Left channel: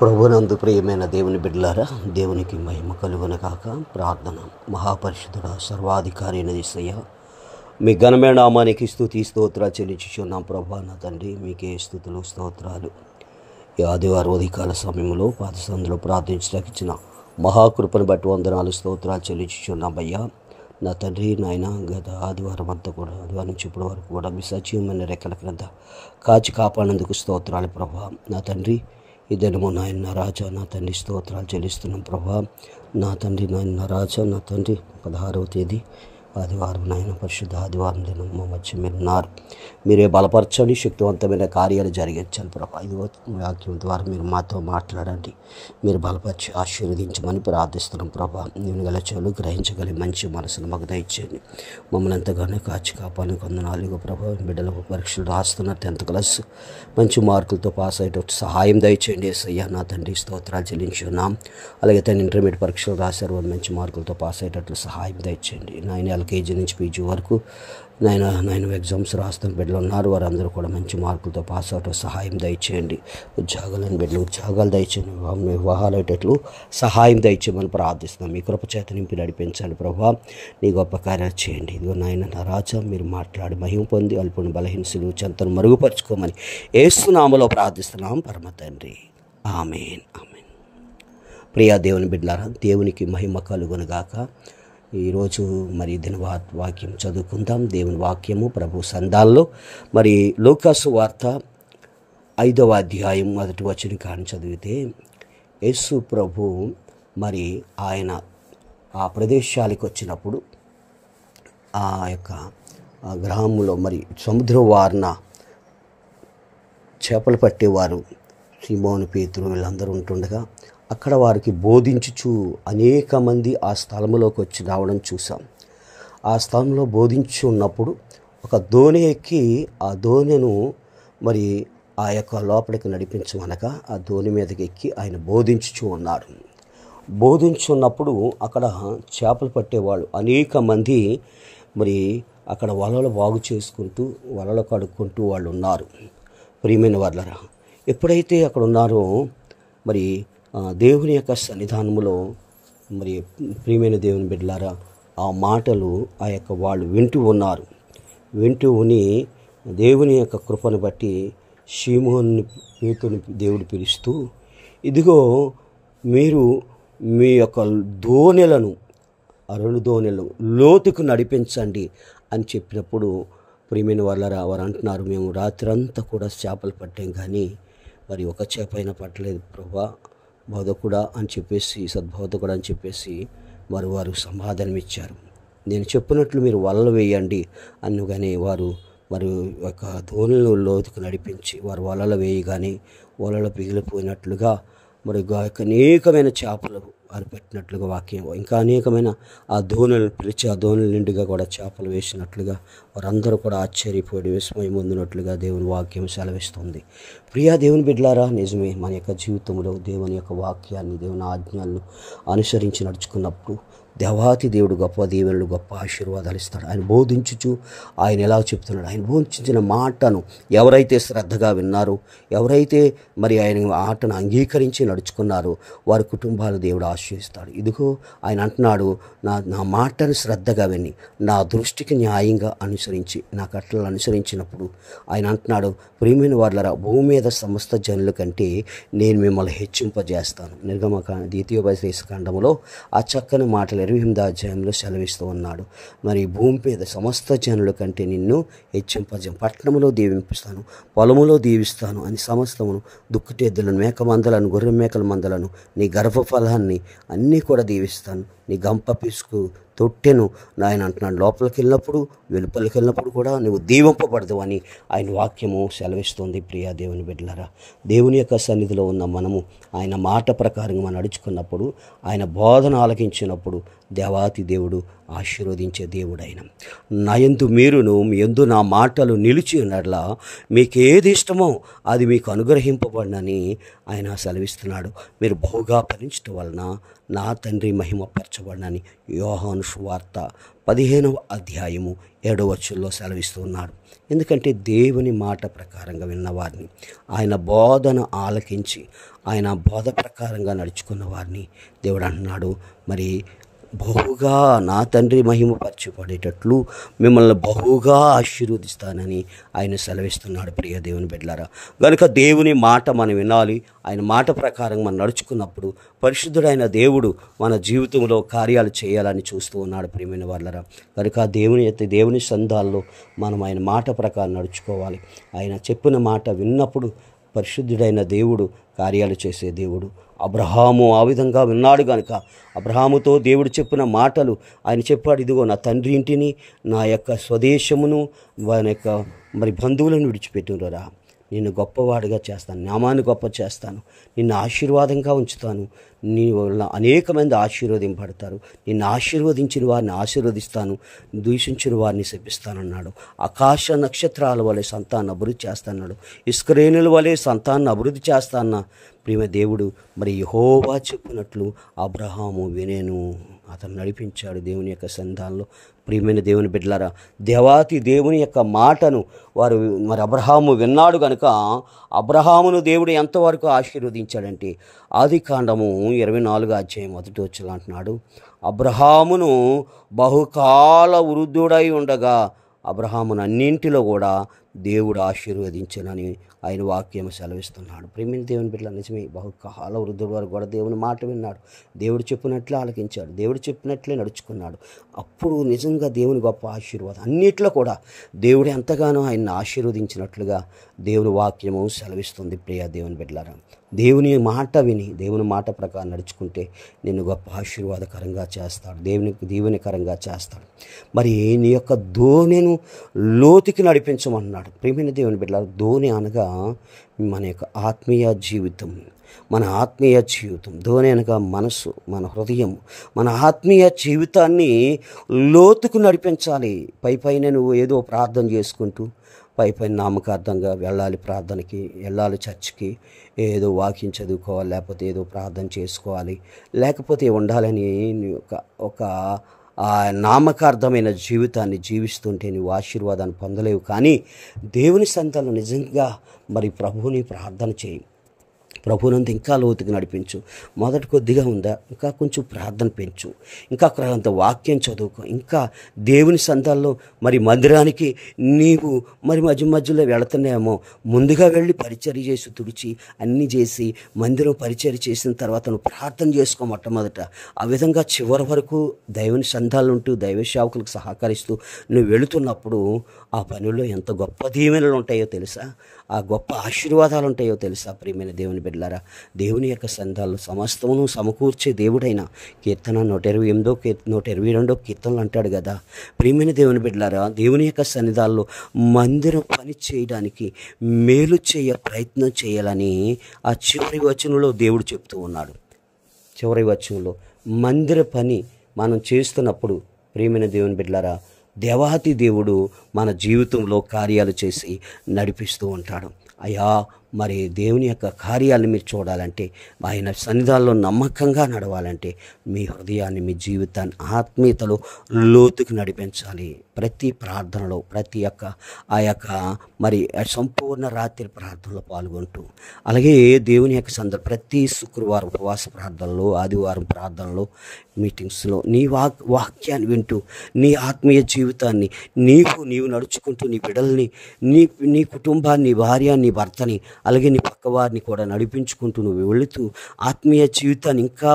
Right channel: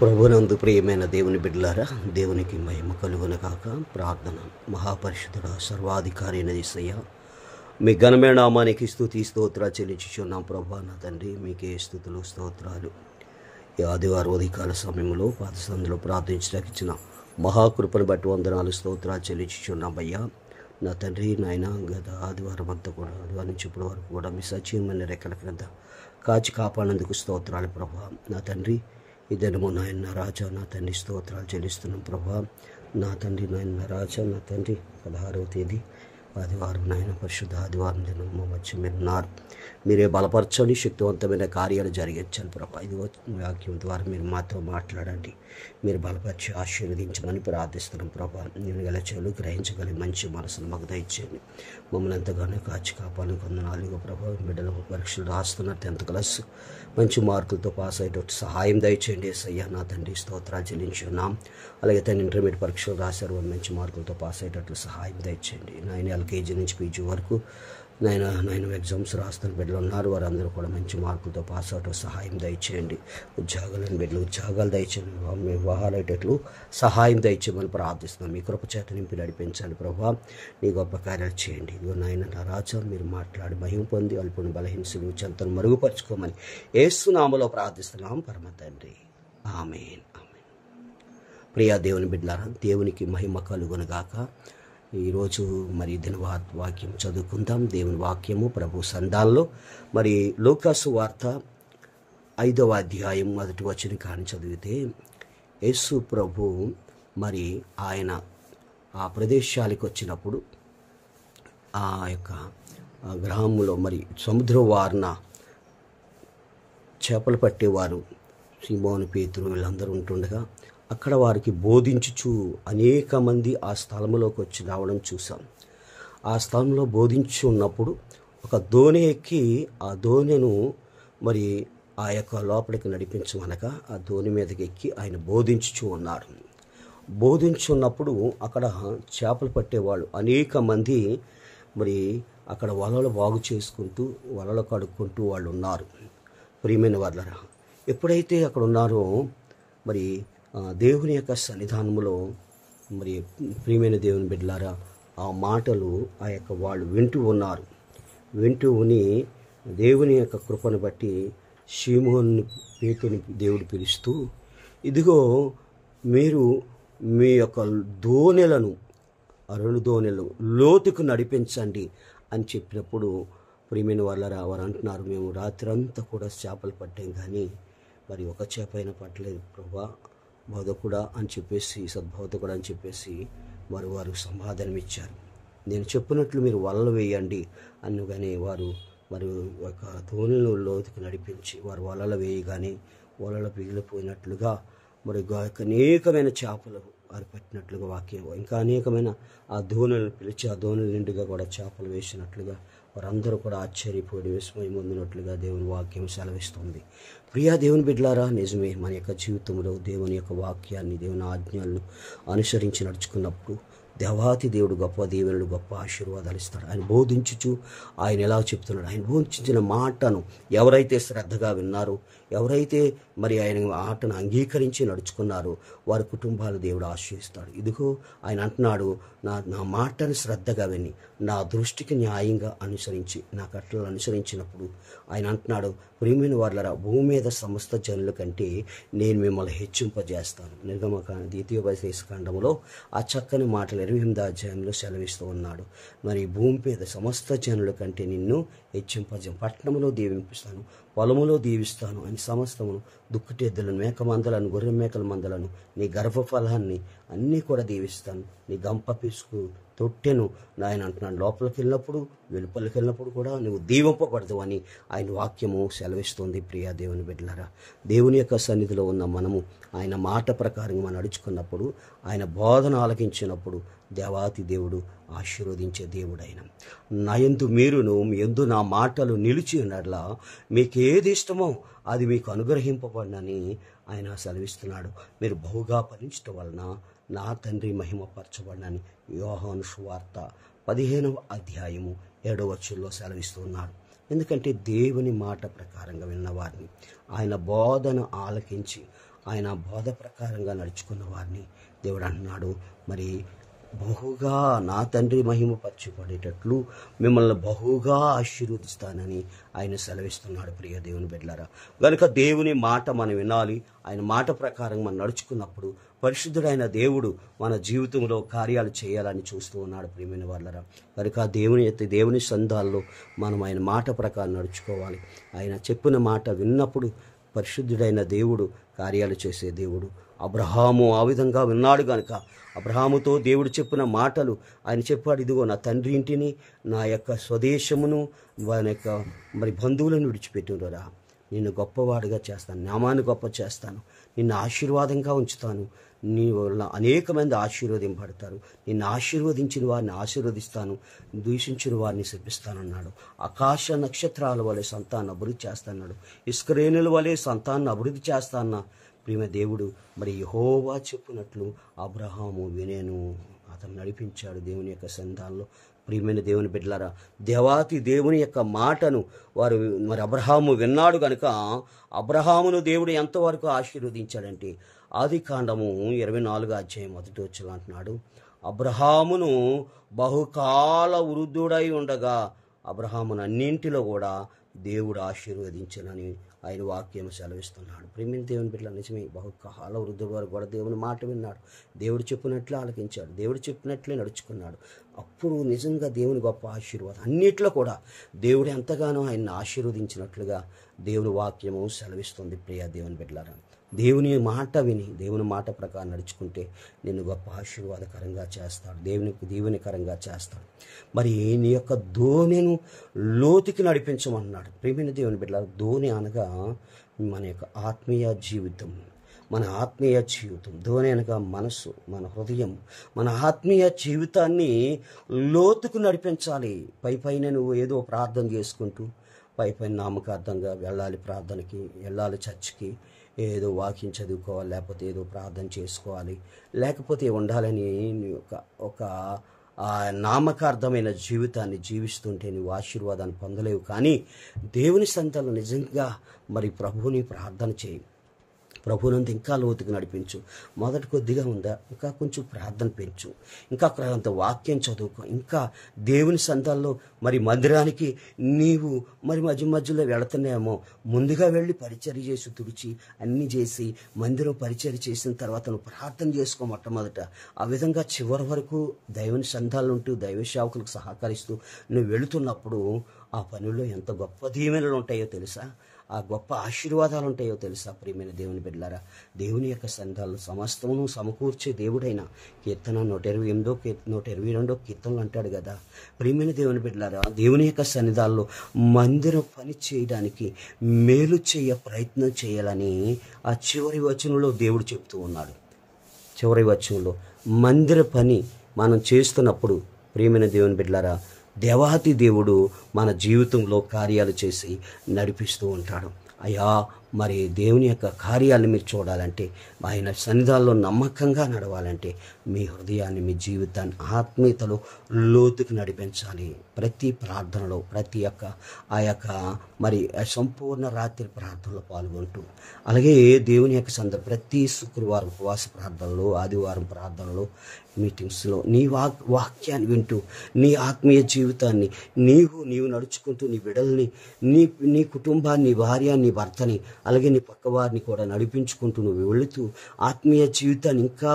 ప్రభునందు ప్రియమైన దేవుని బిడ్డలారా, దేవునికి మహిమ కలుగును కాక. ప్రార్థన. మహాపరిశుద్ధుడా, సర్వాధికారి అయిన యేసయ్య, మీ ఘనమైన నామానికి స్తుతి స్తోత్రాలు చెల్లించుచున్నాం. ప్రభా నా తండ్రి, మీకే స్తుతులు స్తోత్రాలు. ఈ ఆదివారం ఉదయకాల సమయంలో పాదసందులో ప్రార్థించడానికి ఇచ్చిన మహాకృపను బట్టి వందనాలు స్తోత్రాలు చెల్లించుచున్నాం. అయ్యా నా తండ్రి, నాయన గత ఆదివారం అంతా కూడా, ఆదివారం నుంచి ఇప్పటి వరకు కూడా మీ సజీవమైన రెక్కల క్రింద కాచి కాపాడినందుకు స్తోత్రాలు ప్రభా. నా తండ్రి, ఈ దినము నాయన రాజా, నా తండ్రి స్తోత్రాలు చెల్లిస్తున్నాం ప్రభా. నా తండ్రి, నాయన రాజా, నా తండ్రి 16వ తేదీ ఆదివారం, నాయన పరిశుద్ధ ఆదివారం దినం మా మధ్య మీరు ఉన్నారు. మీరే బలపరచండి, శక్తివంతమైన కార్యాలు జరిగించాలి ప్రభా. ఇది వాక్యం ద్వారా మీరు మాతో మాట్లాడండి, మీరు బలపరిచి ఆశీర్వదించమని ప్రార్థిస్తున్నాం ప్రభా. నేను గల చెవులు గ్రహించగలి మంచి మనసును మాకు దయచేయండి. మమ్మల్ని ఎంతగానో కాచి కాపాలని కొందనాలుగు ప్రభా. బిడ్డల పరీక్షలు రాస్తున్నారు, 10th క్లాస్ మంచి మార్కులతో పాస్ అయ్యేటట్టు సహాయం దయచేయండి యేసయ్య. నా తండ్రి స్తోత్రాలు చెల్లించున్నాం. అలాగే తను ఇంటర్మీడియట్ పరీక్షలు రాశారు, మంచి మార్కులతో పాస్ అయ్యేటట్లు సహాయం దయచేయండి. నాయన ఎల్కేజీ నుంచి పీజీ వరకు నాయన ఎగ్జామ్స్ రాస్తున్న బిడ్డలు ఉన్నారు, వారందరూ కూడా మంచి మార్కులతో పాస్ అవటం సహాయం దయచేయండి. ఉద్యోగాలను బిడ్డలు ఉద్యోగాలు దయచేయండి, వివాహాలు అయ్యేటట్లు సహాయం దయచేయమని ప్రార్థిస్తున్నాం. మీ కృప చేత నింపి నడిపించాలి ప్రభా. నీ గొప్ప కార్యాలు చేయండి. ఇదిగో నాయన నా రాజా, మీరు మాట్లాడి మహిమ పొంది అల్పుని బలహీనసులు చెంతను మరుగుపరుచుకోమని యేసు నామములో ప్రార్థిస్తున్నాం పరమ తండ్రి. ఆమేన్, ఆమేన్. ప్రియా దేవుని బిడ్డలారా, దేవునికి మహిమ కలుగునుగాక. ఈరోజు మరి దిన వాక్యం చదువుకుందాం. దేవుని వాక్యము ప్రభు సందాల్లో మరి లూకాసు వార్త 5వ అధ్యాయం 1వ వచనం కాని చదివితే, యేసు ప్రభు మరి ఆయన ఆ ప్రదేశాలకు వచ్చినప్పుడు ఆ యొక్క గ్రామంలో మరి సముద్రం వారిన చేపలు పట్టేవారు సీమోను, పేతురు వీళ్ళందరూ ఉంటుండగా అక్కడ వారికి బోధించుచు అనేక మంది ఆ స్థలంలోకి వచ్చి రావడం చూసాం. ఆ స్థలంలో బోధించు ఉన్నప్పుడు ఒక దోణి ఎక్కి ఆ దోణిను మరి ఆ యొక్క లోపలికి నడిపించమనగా ఆ దోణి మీదకి ఎక్కి ఆయన బోధించుచు ఉన్నారు. బోధించున్నప్పుడు అక్కడ చేపలు పట్టేవాళ్ళు అనేక మంది మరి అక్కడ వలలు బాగు చేసుకుంటూ వలలు కడుక్కుంటూ వాళ్ళు ఉన్నారు. ప్రియమైన వాళ్ళరా, ఎప్పుడైతే అక్కడ ఉన్నారో మరి దేవుని యొక్క సన్నిధానములో మరి ప్రియమైన దేవుని బిడ్డలారా, ఆ మాటలు ఆ యొక్క వాళ్ళు వింటూ ఉన్నారు. వింటూ ఉని దేవుని యొక్క కృపను బట్టి సీమోను, పేతురుని దేవుడు పిలుస్తూ, ఇదిగో మీరు మీ యొక్క దోణెలను, ఆ 2 దోణెలను లోతుకు నడిపించండి అని చెప్పినప్పుడు ప్రియమైన వాళ్ళరా, వారు అంటున్నారు, మేము రాత్రంతా కూడా చేపలు పట్టాం కానీ మరి ఒక చేప అయినా పట్టలేదు ప్రభా, బోధకుడా అని చెప్పేసి, సద్బోధకుడా అని చెప్పేసి వారు సమాధానం ఇచ్చారు. నేను చెప్పినట్లు మీరు వలలు వేయండి అనగానే వారు ఒక దోణిలో లోతుకు నడిపించి వారు వలలు వేయగానే వలలు పిగిలిపోయినట్లుగా మరి అనేకమైన చేపలు వారు పెట్టినట్లుగా వాక్యం, ఇంకా అనేకమైన ఆ దోణులను పిలిచి ఆ దోణుల నిండుగా కూడా చేపలు వేసినట్లుగా వారందరూ కూడా ఆశ్చర్యపోయి విస్మయం పొందినట్లుగా దేవుని వాక్యం సెలవిస్తుంది. ప్రియా దేవుని బిడ్డలారా, నిజమే, మన యొక్క జీవితంలో దేవుని యొక్క వాక్యాన్ని, దేవుని ఆజ్ఞలను అనుసరించి నడుచుకున్నప్పుడు దేవాతి దేవుడు గొప్ప దీవెనలు, గొప్ప ఆశీర్వాదాలు ఇస్తాడు. ఆయన బోధించుచు ఆయన ఎలా చెప్తున్నాడు, ఆయన బోధించిన మాటను ఎవరైతే శ్రద్ధగా విన్నారో, ఎవరైతే మరి ఆయన ఆటను అంగీకరించి నడుచుకున్నారో వారి కుటుంబాలు దేవుడు ఆశీర్వదిస్తాడు. ఇదిగో ఆయన అంటున్నాడు, నా మాటను శ్రద్ధగా విని నా దృష్టికి న్యాయంగా అనుసరించి నా కట్టలను అనుసరించినప్పుడు ఆయన అంటున్నాడు, ప్రియమైన వాళ్ళరా, భూమి మీద సమస్త జనుల కంటే నేను మిమ్మల్ని హెచ్చింపజేస్తాను. ద్వితీయోపదేశ ఖండములో ఆ చక్కని మాటలు 28వ అధ్యాయంలో సెలవిస్తూ ఉన్నాడు. మరి భూమి మీద సమస్త జనుల కంటే నిన్ను పట్టణములో దీవిస్తాను, పొలములో దీవిస్తాను అని సమస్తమును, దుక్కుటెద్దులను, మేక మందలను, గొర్రె మేకల మందలను, నీ గర్భఫలాన్ని అన్నీ కూడా దీవిస్తాను. నీ గంప పిసుకు తొట్టెను నాయన అంటున్నాడు. లోపలికి వెళ్ళినప్పుడు వెలుపలికి వెళ్ళినప్పుడు కూడా నువ్వు దీవింపబడదు అని ఆయన వాక్యము సెలవిస్తుంది. ప్రియా దేవుని బిడ్డలారా, దేవుని యొక్క సన్నిధిలో ఉన్న మనము ఆయన మాట ప్రకారంగా మనం నడుచుకున్నప్పుడు, ఆయన బోధన ఆలకించినప్పుడు దేవాతి దేవుడు ఆశీర్వదించే దేవుడు ఆయన. నాయందు మీరును మీ యందు నా మాటలు నిలిచి ఉన్నట్లా మీకేది ఇష్టమో అది మీకు అనుగ్రహింపబడినని ఆయన సెలవిస్తున్నాడు. మీరు బహుగా ఫలించటం వలన నా తండ్రి మహిమపరచబడినని యోహాను సువార్త 15వ అధ్యాయము 7వ వచనంలో సెలవిస్తున్నాడు. ఎందుకంటే దేవుని మాట ప్రకారంగా విన్నవారిని, ఆయన బోధన ఆలకించి ఆయన బోధ ప్రకారంగా నడుచుకున్న వారిని దేవుడు అంటున్నాడు, మరి బహుగా నా తండ్రి మహిమపరచబడేటట్లు మిమ్మల్ని బహుగా ఆశీర్వదిస్తానని ఆయన సెలవిస్తున్నాడు. ప్రియ దేవుని బిడ్డలారా, కనుక దేవుని మాట మనం వినాలి. ఆయన మాట ప్రకారం మనం నడుచుకున్నప్పుడు పరిశుద్ధుడైన దేవుడు మన జీవితంలో కార్యాలు చేయాలని చూస్తూ ఉన్నాడు. ప్రియమైన వాళ్ళరా, కనుక దేవుని సంధాల్లో మనం ఆయన మాట ప్రకారం నడుచుకోవాలి. ఆయన చెప్పిన మాట విన్నప్పుడు పరిశుద్ధుడైన దేవుడు కార్యాలు చేసే దేవుడు. అబ్రహాము ఆ విధంగా విన్నాడు కనుక అబ్రహాముతో దేవుడు చెప్పిన మాటలు ఆయన చెప్పాడు, ఇదిగో నా తండ్రి ఇంటిని, నా యొక్క స్వదేశమును, ఆయన యొక్క మరి బంధువులను విడిచిపెట్టురా, నిన్ను గొప్పవాడిగా చేస్తాను, నామాన్ని గొప్ప చేస్తాను, నిన్ను ఆశీర్వాదంగా ఉంచుతాను, నీ వల్ల అనేక మంది ఆశీర్వదింపడతారు, నిన్ను ఆశీర్వదించిన వారిని ఆశీర్వదిస్తాను, దూషించిన వారిని శపిస్తానన్నాడు. ఆకాశ నక్షత్రాల వలె సంతానం అభివృద్ధి చేస్తాన్నాడు, ఇస్కరేణుల వలె సంతానాన్ని అభివృద్ధి చేస్తాన్న ప్రియమ దేవుడు మరి యెహోవా చెప్పినట్లు అబ్రహాము వినేను, అతను నడిపించాడు దేవుని యొక్క సంధానంలో. ప్రియమైన దేవుని బిడ్డలారా, దేవాతి దేవుని యొక్క మాటను వారు మరి అబ్రహాము విన్నాడు కనుక అబ్రహామును దేవుడు ఎంతవరకు ఆశీర్వదించాడంటే ఆదికాండము 24:1 అంటున్నాడు, అబ్రహామును బహుకాల వృద్ధుడై ఉండగా అబ్రహామును అన్నింటిలో కూడా దేవుడు ఆశీర్వదించనని ఆయన వాక్యం సెలవిస్తున్నాడు. ప్రేమిని దేవుని బిడ్డల, నిజమే, బహుకాల వృద్ధుడు వారు కూడా దేవుని మాట విన్నాడు, దేవుడు చెప్పినట్లే ఆలకించాడు, దేవుడు చెప్పినట్లే నడుచుకున్నాడు. అప్పుడు నిజంగా దేవుని గొప్ప ఆశీర్వాదం అన్నిట్లో కూడా దేవుడు ఎంతగానో ఆయన్ని ఆశీర్వదించినట్లుగా దేవుని వాక్యము సెలవిస్తుంది. ప్రియ దేవుని బిడ్డలారా, దేవుని మాట విని దేవుని మాట ప్రకారం నడుచుకుంటే నిన్ను గొప్ప ఆశీర్వాదకరంగా చేస్తాడు, దీవెనకరంగా చేస్తాడు. మరి నీ యొక్క ధోనిను లోతుకి నడిపించమన్నాడు. ప్రియమైన దేవుని బిడ్డలారా, ధోని అనగా మన యొక్క ఆత్మీయ జీవితం, మన ఆత్మీయ జీవితం. ధోని అనగా మనసు, మన హృదయం, మన ఆత్మీయ జీవితాన్ని లోతుకు నడిపించాలి. పైన నువ్వు ఏదో ప్రార్థన చేసుకుంటూ పైన నామకార్థంగా వెళ్ళాలి, ప్రార్థనకి వెళ్ళాలి, చర్చికి ఏదో వాక్యం చదువుకోవాలి, లేకపోతే ఏదో ప్రార్థన చేసుకోవాలి, లేకపోతే ఉండాలని ఒక నామకార్థమైన జీవితాన్ని జీవిస్తుంటే నువ్వు ఆశీర్వాదాన్ని పొందలేవు. కానీ దేవుని సంతానం నిజంగా మరి ప్రభువుని ప్రార్థన చేయి, ప్రభువునంత ఇంకా లోతుకు నడిపించు. మొదటి కొద్దిగా ఉందా, ఇంకా కొంచెం ప్రార్థన పెంచు, ఇంకా అంత వాక్యం చదువుకో, ఇంకా దేవుని సంతాల్లో మరి మందిరానికి నీవు మరి మధ్యలో వెళుతున్నాయేమో, ముందుగా వెళ్ళి పరిచర్య చేసి తుడిచి అన్నీ చేసి మందిరం పరిచర్య చేసిన తర్వాత నువ్వు ప్రార్థన చేసుకో మొట్టమొదట. ఆ విధంగా చివరి వరకు దేవుని సంతాలు ఉంటూ దైవ సేవకులకు సహకరిస్తూ నువ్వు వెళుతున్నప్పుడు ఆ పనుల్లో ఎంత గొప్ప దీవెనలు ఉంటాయో తెలుసా, ఆ గొప్ప ఆశీర్వాదాలు ఉంటాయో తెలుసా. ప్రియమైన దేవుని బిడ్డలారా, దేవుని యొక్క సంతాలు సమస్తమును సమకూర్చే దేవుడైన కీర్తన 128 122 కీర్తనలు అంటాడు కదా. ప్రియమైన దేవుని బిడ్డలారా, దేవుని యొక్క సన్నిధాల్లో మందిరం పని చేయడానికి మేలు ప్రయత్నం చేయాలని ఆ చివరి వచనంలో దేవుడు చెప్తూ ఉన్నాడు. చివరి వచనంలో మందిర పని మనం చేస్తున్నప్పుడు ప్రియమైన దేవుని బిడ్డలారా, దేవాతి దేవుడు మన జీవితంలో కార్యాలు చేసి నడిపిస్తూ ఉంటాడు. అయ్యా, మరి దేవుని యొక్క కార్యాలను మీరు చూడాలంటే, ఆయన సన్నిధానంలో నమ్మకంగా నడవాలంటే మీ హృదయాన్ని, మీ జీవితాన్ని ఆత్మీయతలో లోతుకు నడిపించాలి. ప్రతి ప్రార్థనలో ఆ యొక్క మరి సంపూర్ణ రాత్రి ప్రార్థనలో పాల్గొంటూ, అలాగే దేవుని యొక్క ప్రతి శుక్రవారం ఉపవాస ప్రార్థనలో, ఆదివారం ప్రార్థనలో, మీటింగ్స్లో నీ వాక్యాన్ని వింటూ నీ ఆత్మీయ జీవితాన్ని నీవు నడుచుకుంటూ నీ బిడ్డల్ని, నీ కుటుంబాన్ని, నీ భార్య, నీ భర్తని, అలాగే నీ పక్కవారిని కూడా నడిపించుకుంటూ నువ్వు వెళుతూ ఆత్మీయ జీవితాన్ని ఇంకా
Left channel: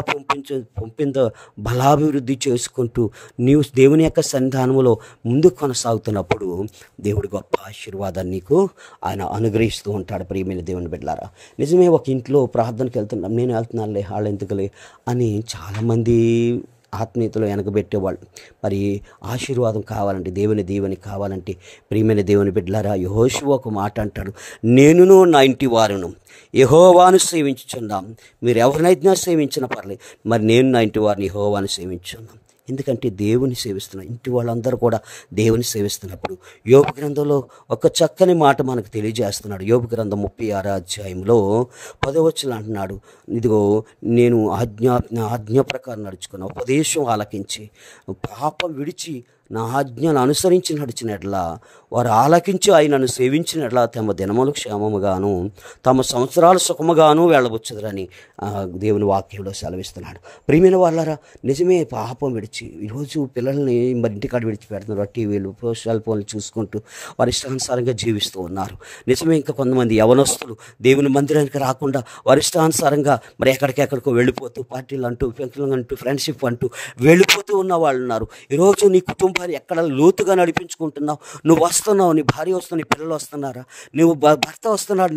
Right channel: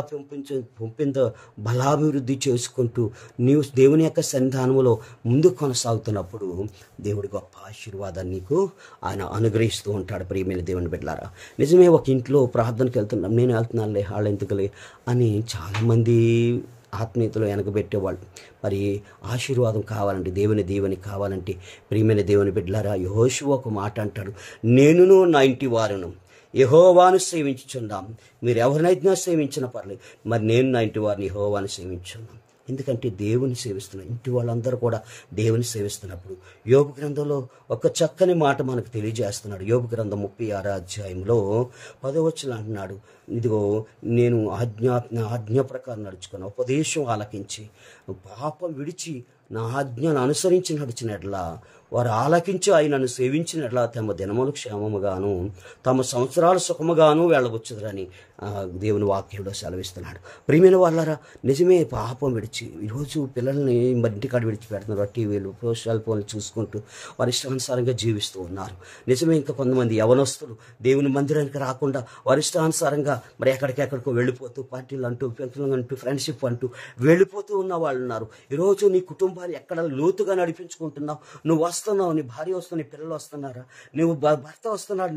బలాభివృద్ధి చేసుకుంటూ నీవు దేవుని యొక్క సన్నిధానంలో ముందు కొనసాగుతున్నప్పుడు దేవుడు గొప్ప ఆశీర్వాదాన్ని నీకు ఆయన అనుగ్రహిస్తూ ఉంటాడు. ప్రియమైన దేవుని బిడ్డలారా, నిజమే, ఒక ఇంట్లో ప్రార్థనకి వెళ్తున్నాం, నేను వెళ్తున్నానులే, వాళ్ళు ఎందుకులే అని చాలామంది ఆత్మీయతలో వెనకబెట్టేవాళ్ళు. మరి ఆశీర్వాదం కావాలంటే, దేవుని కావాలంటే ప్రియమైన దేవుని బిడ్డలారా, యెహోషువ ఒక మాట అంటాడు, నేనును నా ఇంటి వారును యెహోవాను సేవించుచున్నాం. మీరు ఎవరినైనా సేవించినా పర్లేదు, మరి నేను నా ఇంటి వారిని యెహోవాను సేవించున్నాం. ఎందుకంటే దేవుని సేవిస్తున్నాం, ఇంటి వాళ్ళందరూ కూడా దేవుని సేవిస్తున్నప్పుడు యోబు గ్రంథంలో ఒక చక్కని మాట మనకు తెలియజేస్తున్నాడు. యోబు గ్రంథం 36వ అధ్యాయంలో 10వ వచనం అంటున్నాడు, ఇదిగో నేను ఆజ్ఞ ప్రకారం నడుచుకున్న ఉపదేశం ఆలకించి పాపం విడిచి నా ఆజ్ఞను అనుసరించి నడిచినట్లా వారు ఆలకించి ఆయనను సేవించినట్లా తమ దినములు క్షేమముగాను తమ సంవత్సరాలు సుఖముగాను వెళ్ళవచ్చుదని దేవుని వాక్యంలో సెలవిస్తున్నాడు. ప్రియమైన వాళ్ళారా, నిజమే పాపం విడిచి ఈరోజు పిల్లల్ని మరి ఇంటికాడ విడిచిపెడుతున్నారు, టీవీలు సెల్ ఫోన్లు చూసుకుంటూ వారి ఇష్టానుసారంగా జీవిస్తూ ఉన్నారు. నిజమే, ఇంకా కొంతమంది యవనస్తులు దేవుని మందిరానికి రాకుండా వారి ఇష్టానుసారంగా మరి ఎక్కడికెక్కడికో వెళ్ళిపోతూ పార్టీలు అంటూ ఫ్రెండ్షిప్ అంటూ వెళ్ళిపోతూ ఉన్న వాళ్ళు ఉన్నారు. ఈరోజు నీ కుటుంబాన్ని ఎక్కడ లోతుగా నడిపించుకుంటున్నావు? నువ్వు వస్తున్నావు, నీ భార్య వస్తుంది, నీ పిల్లలు వస్తున్నారా? నువ్వు భర్త వస్తున్నాడు,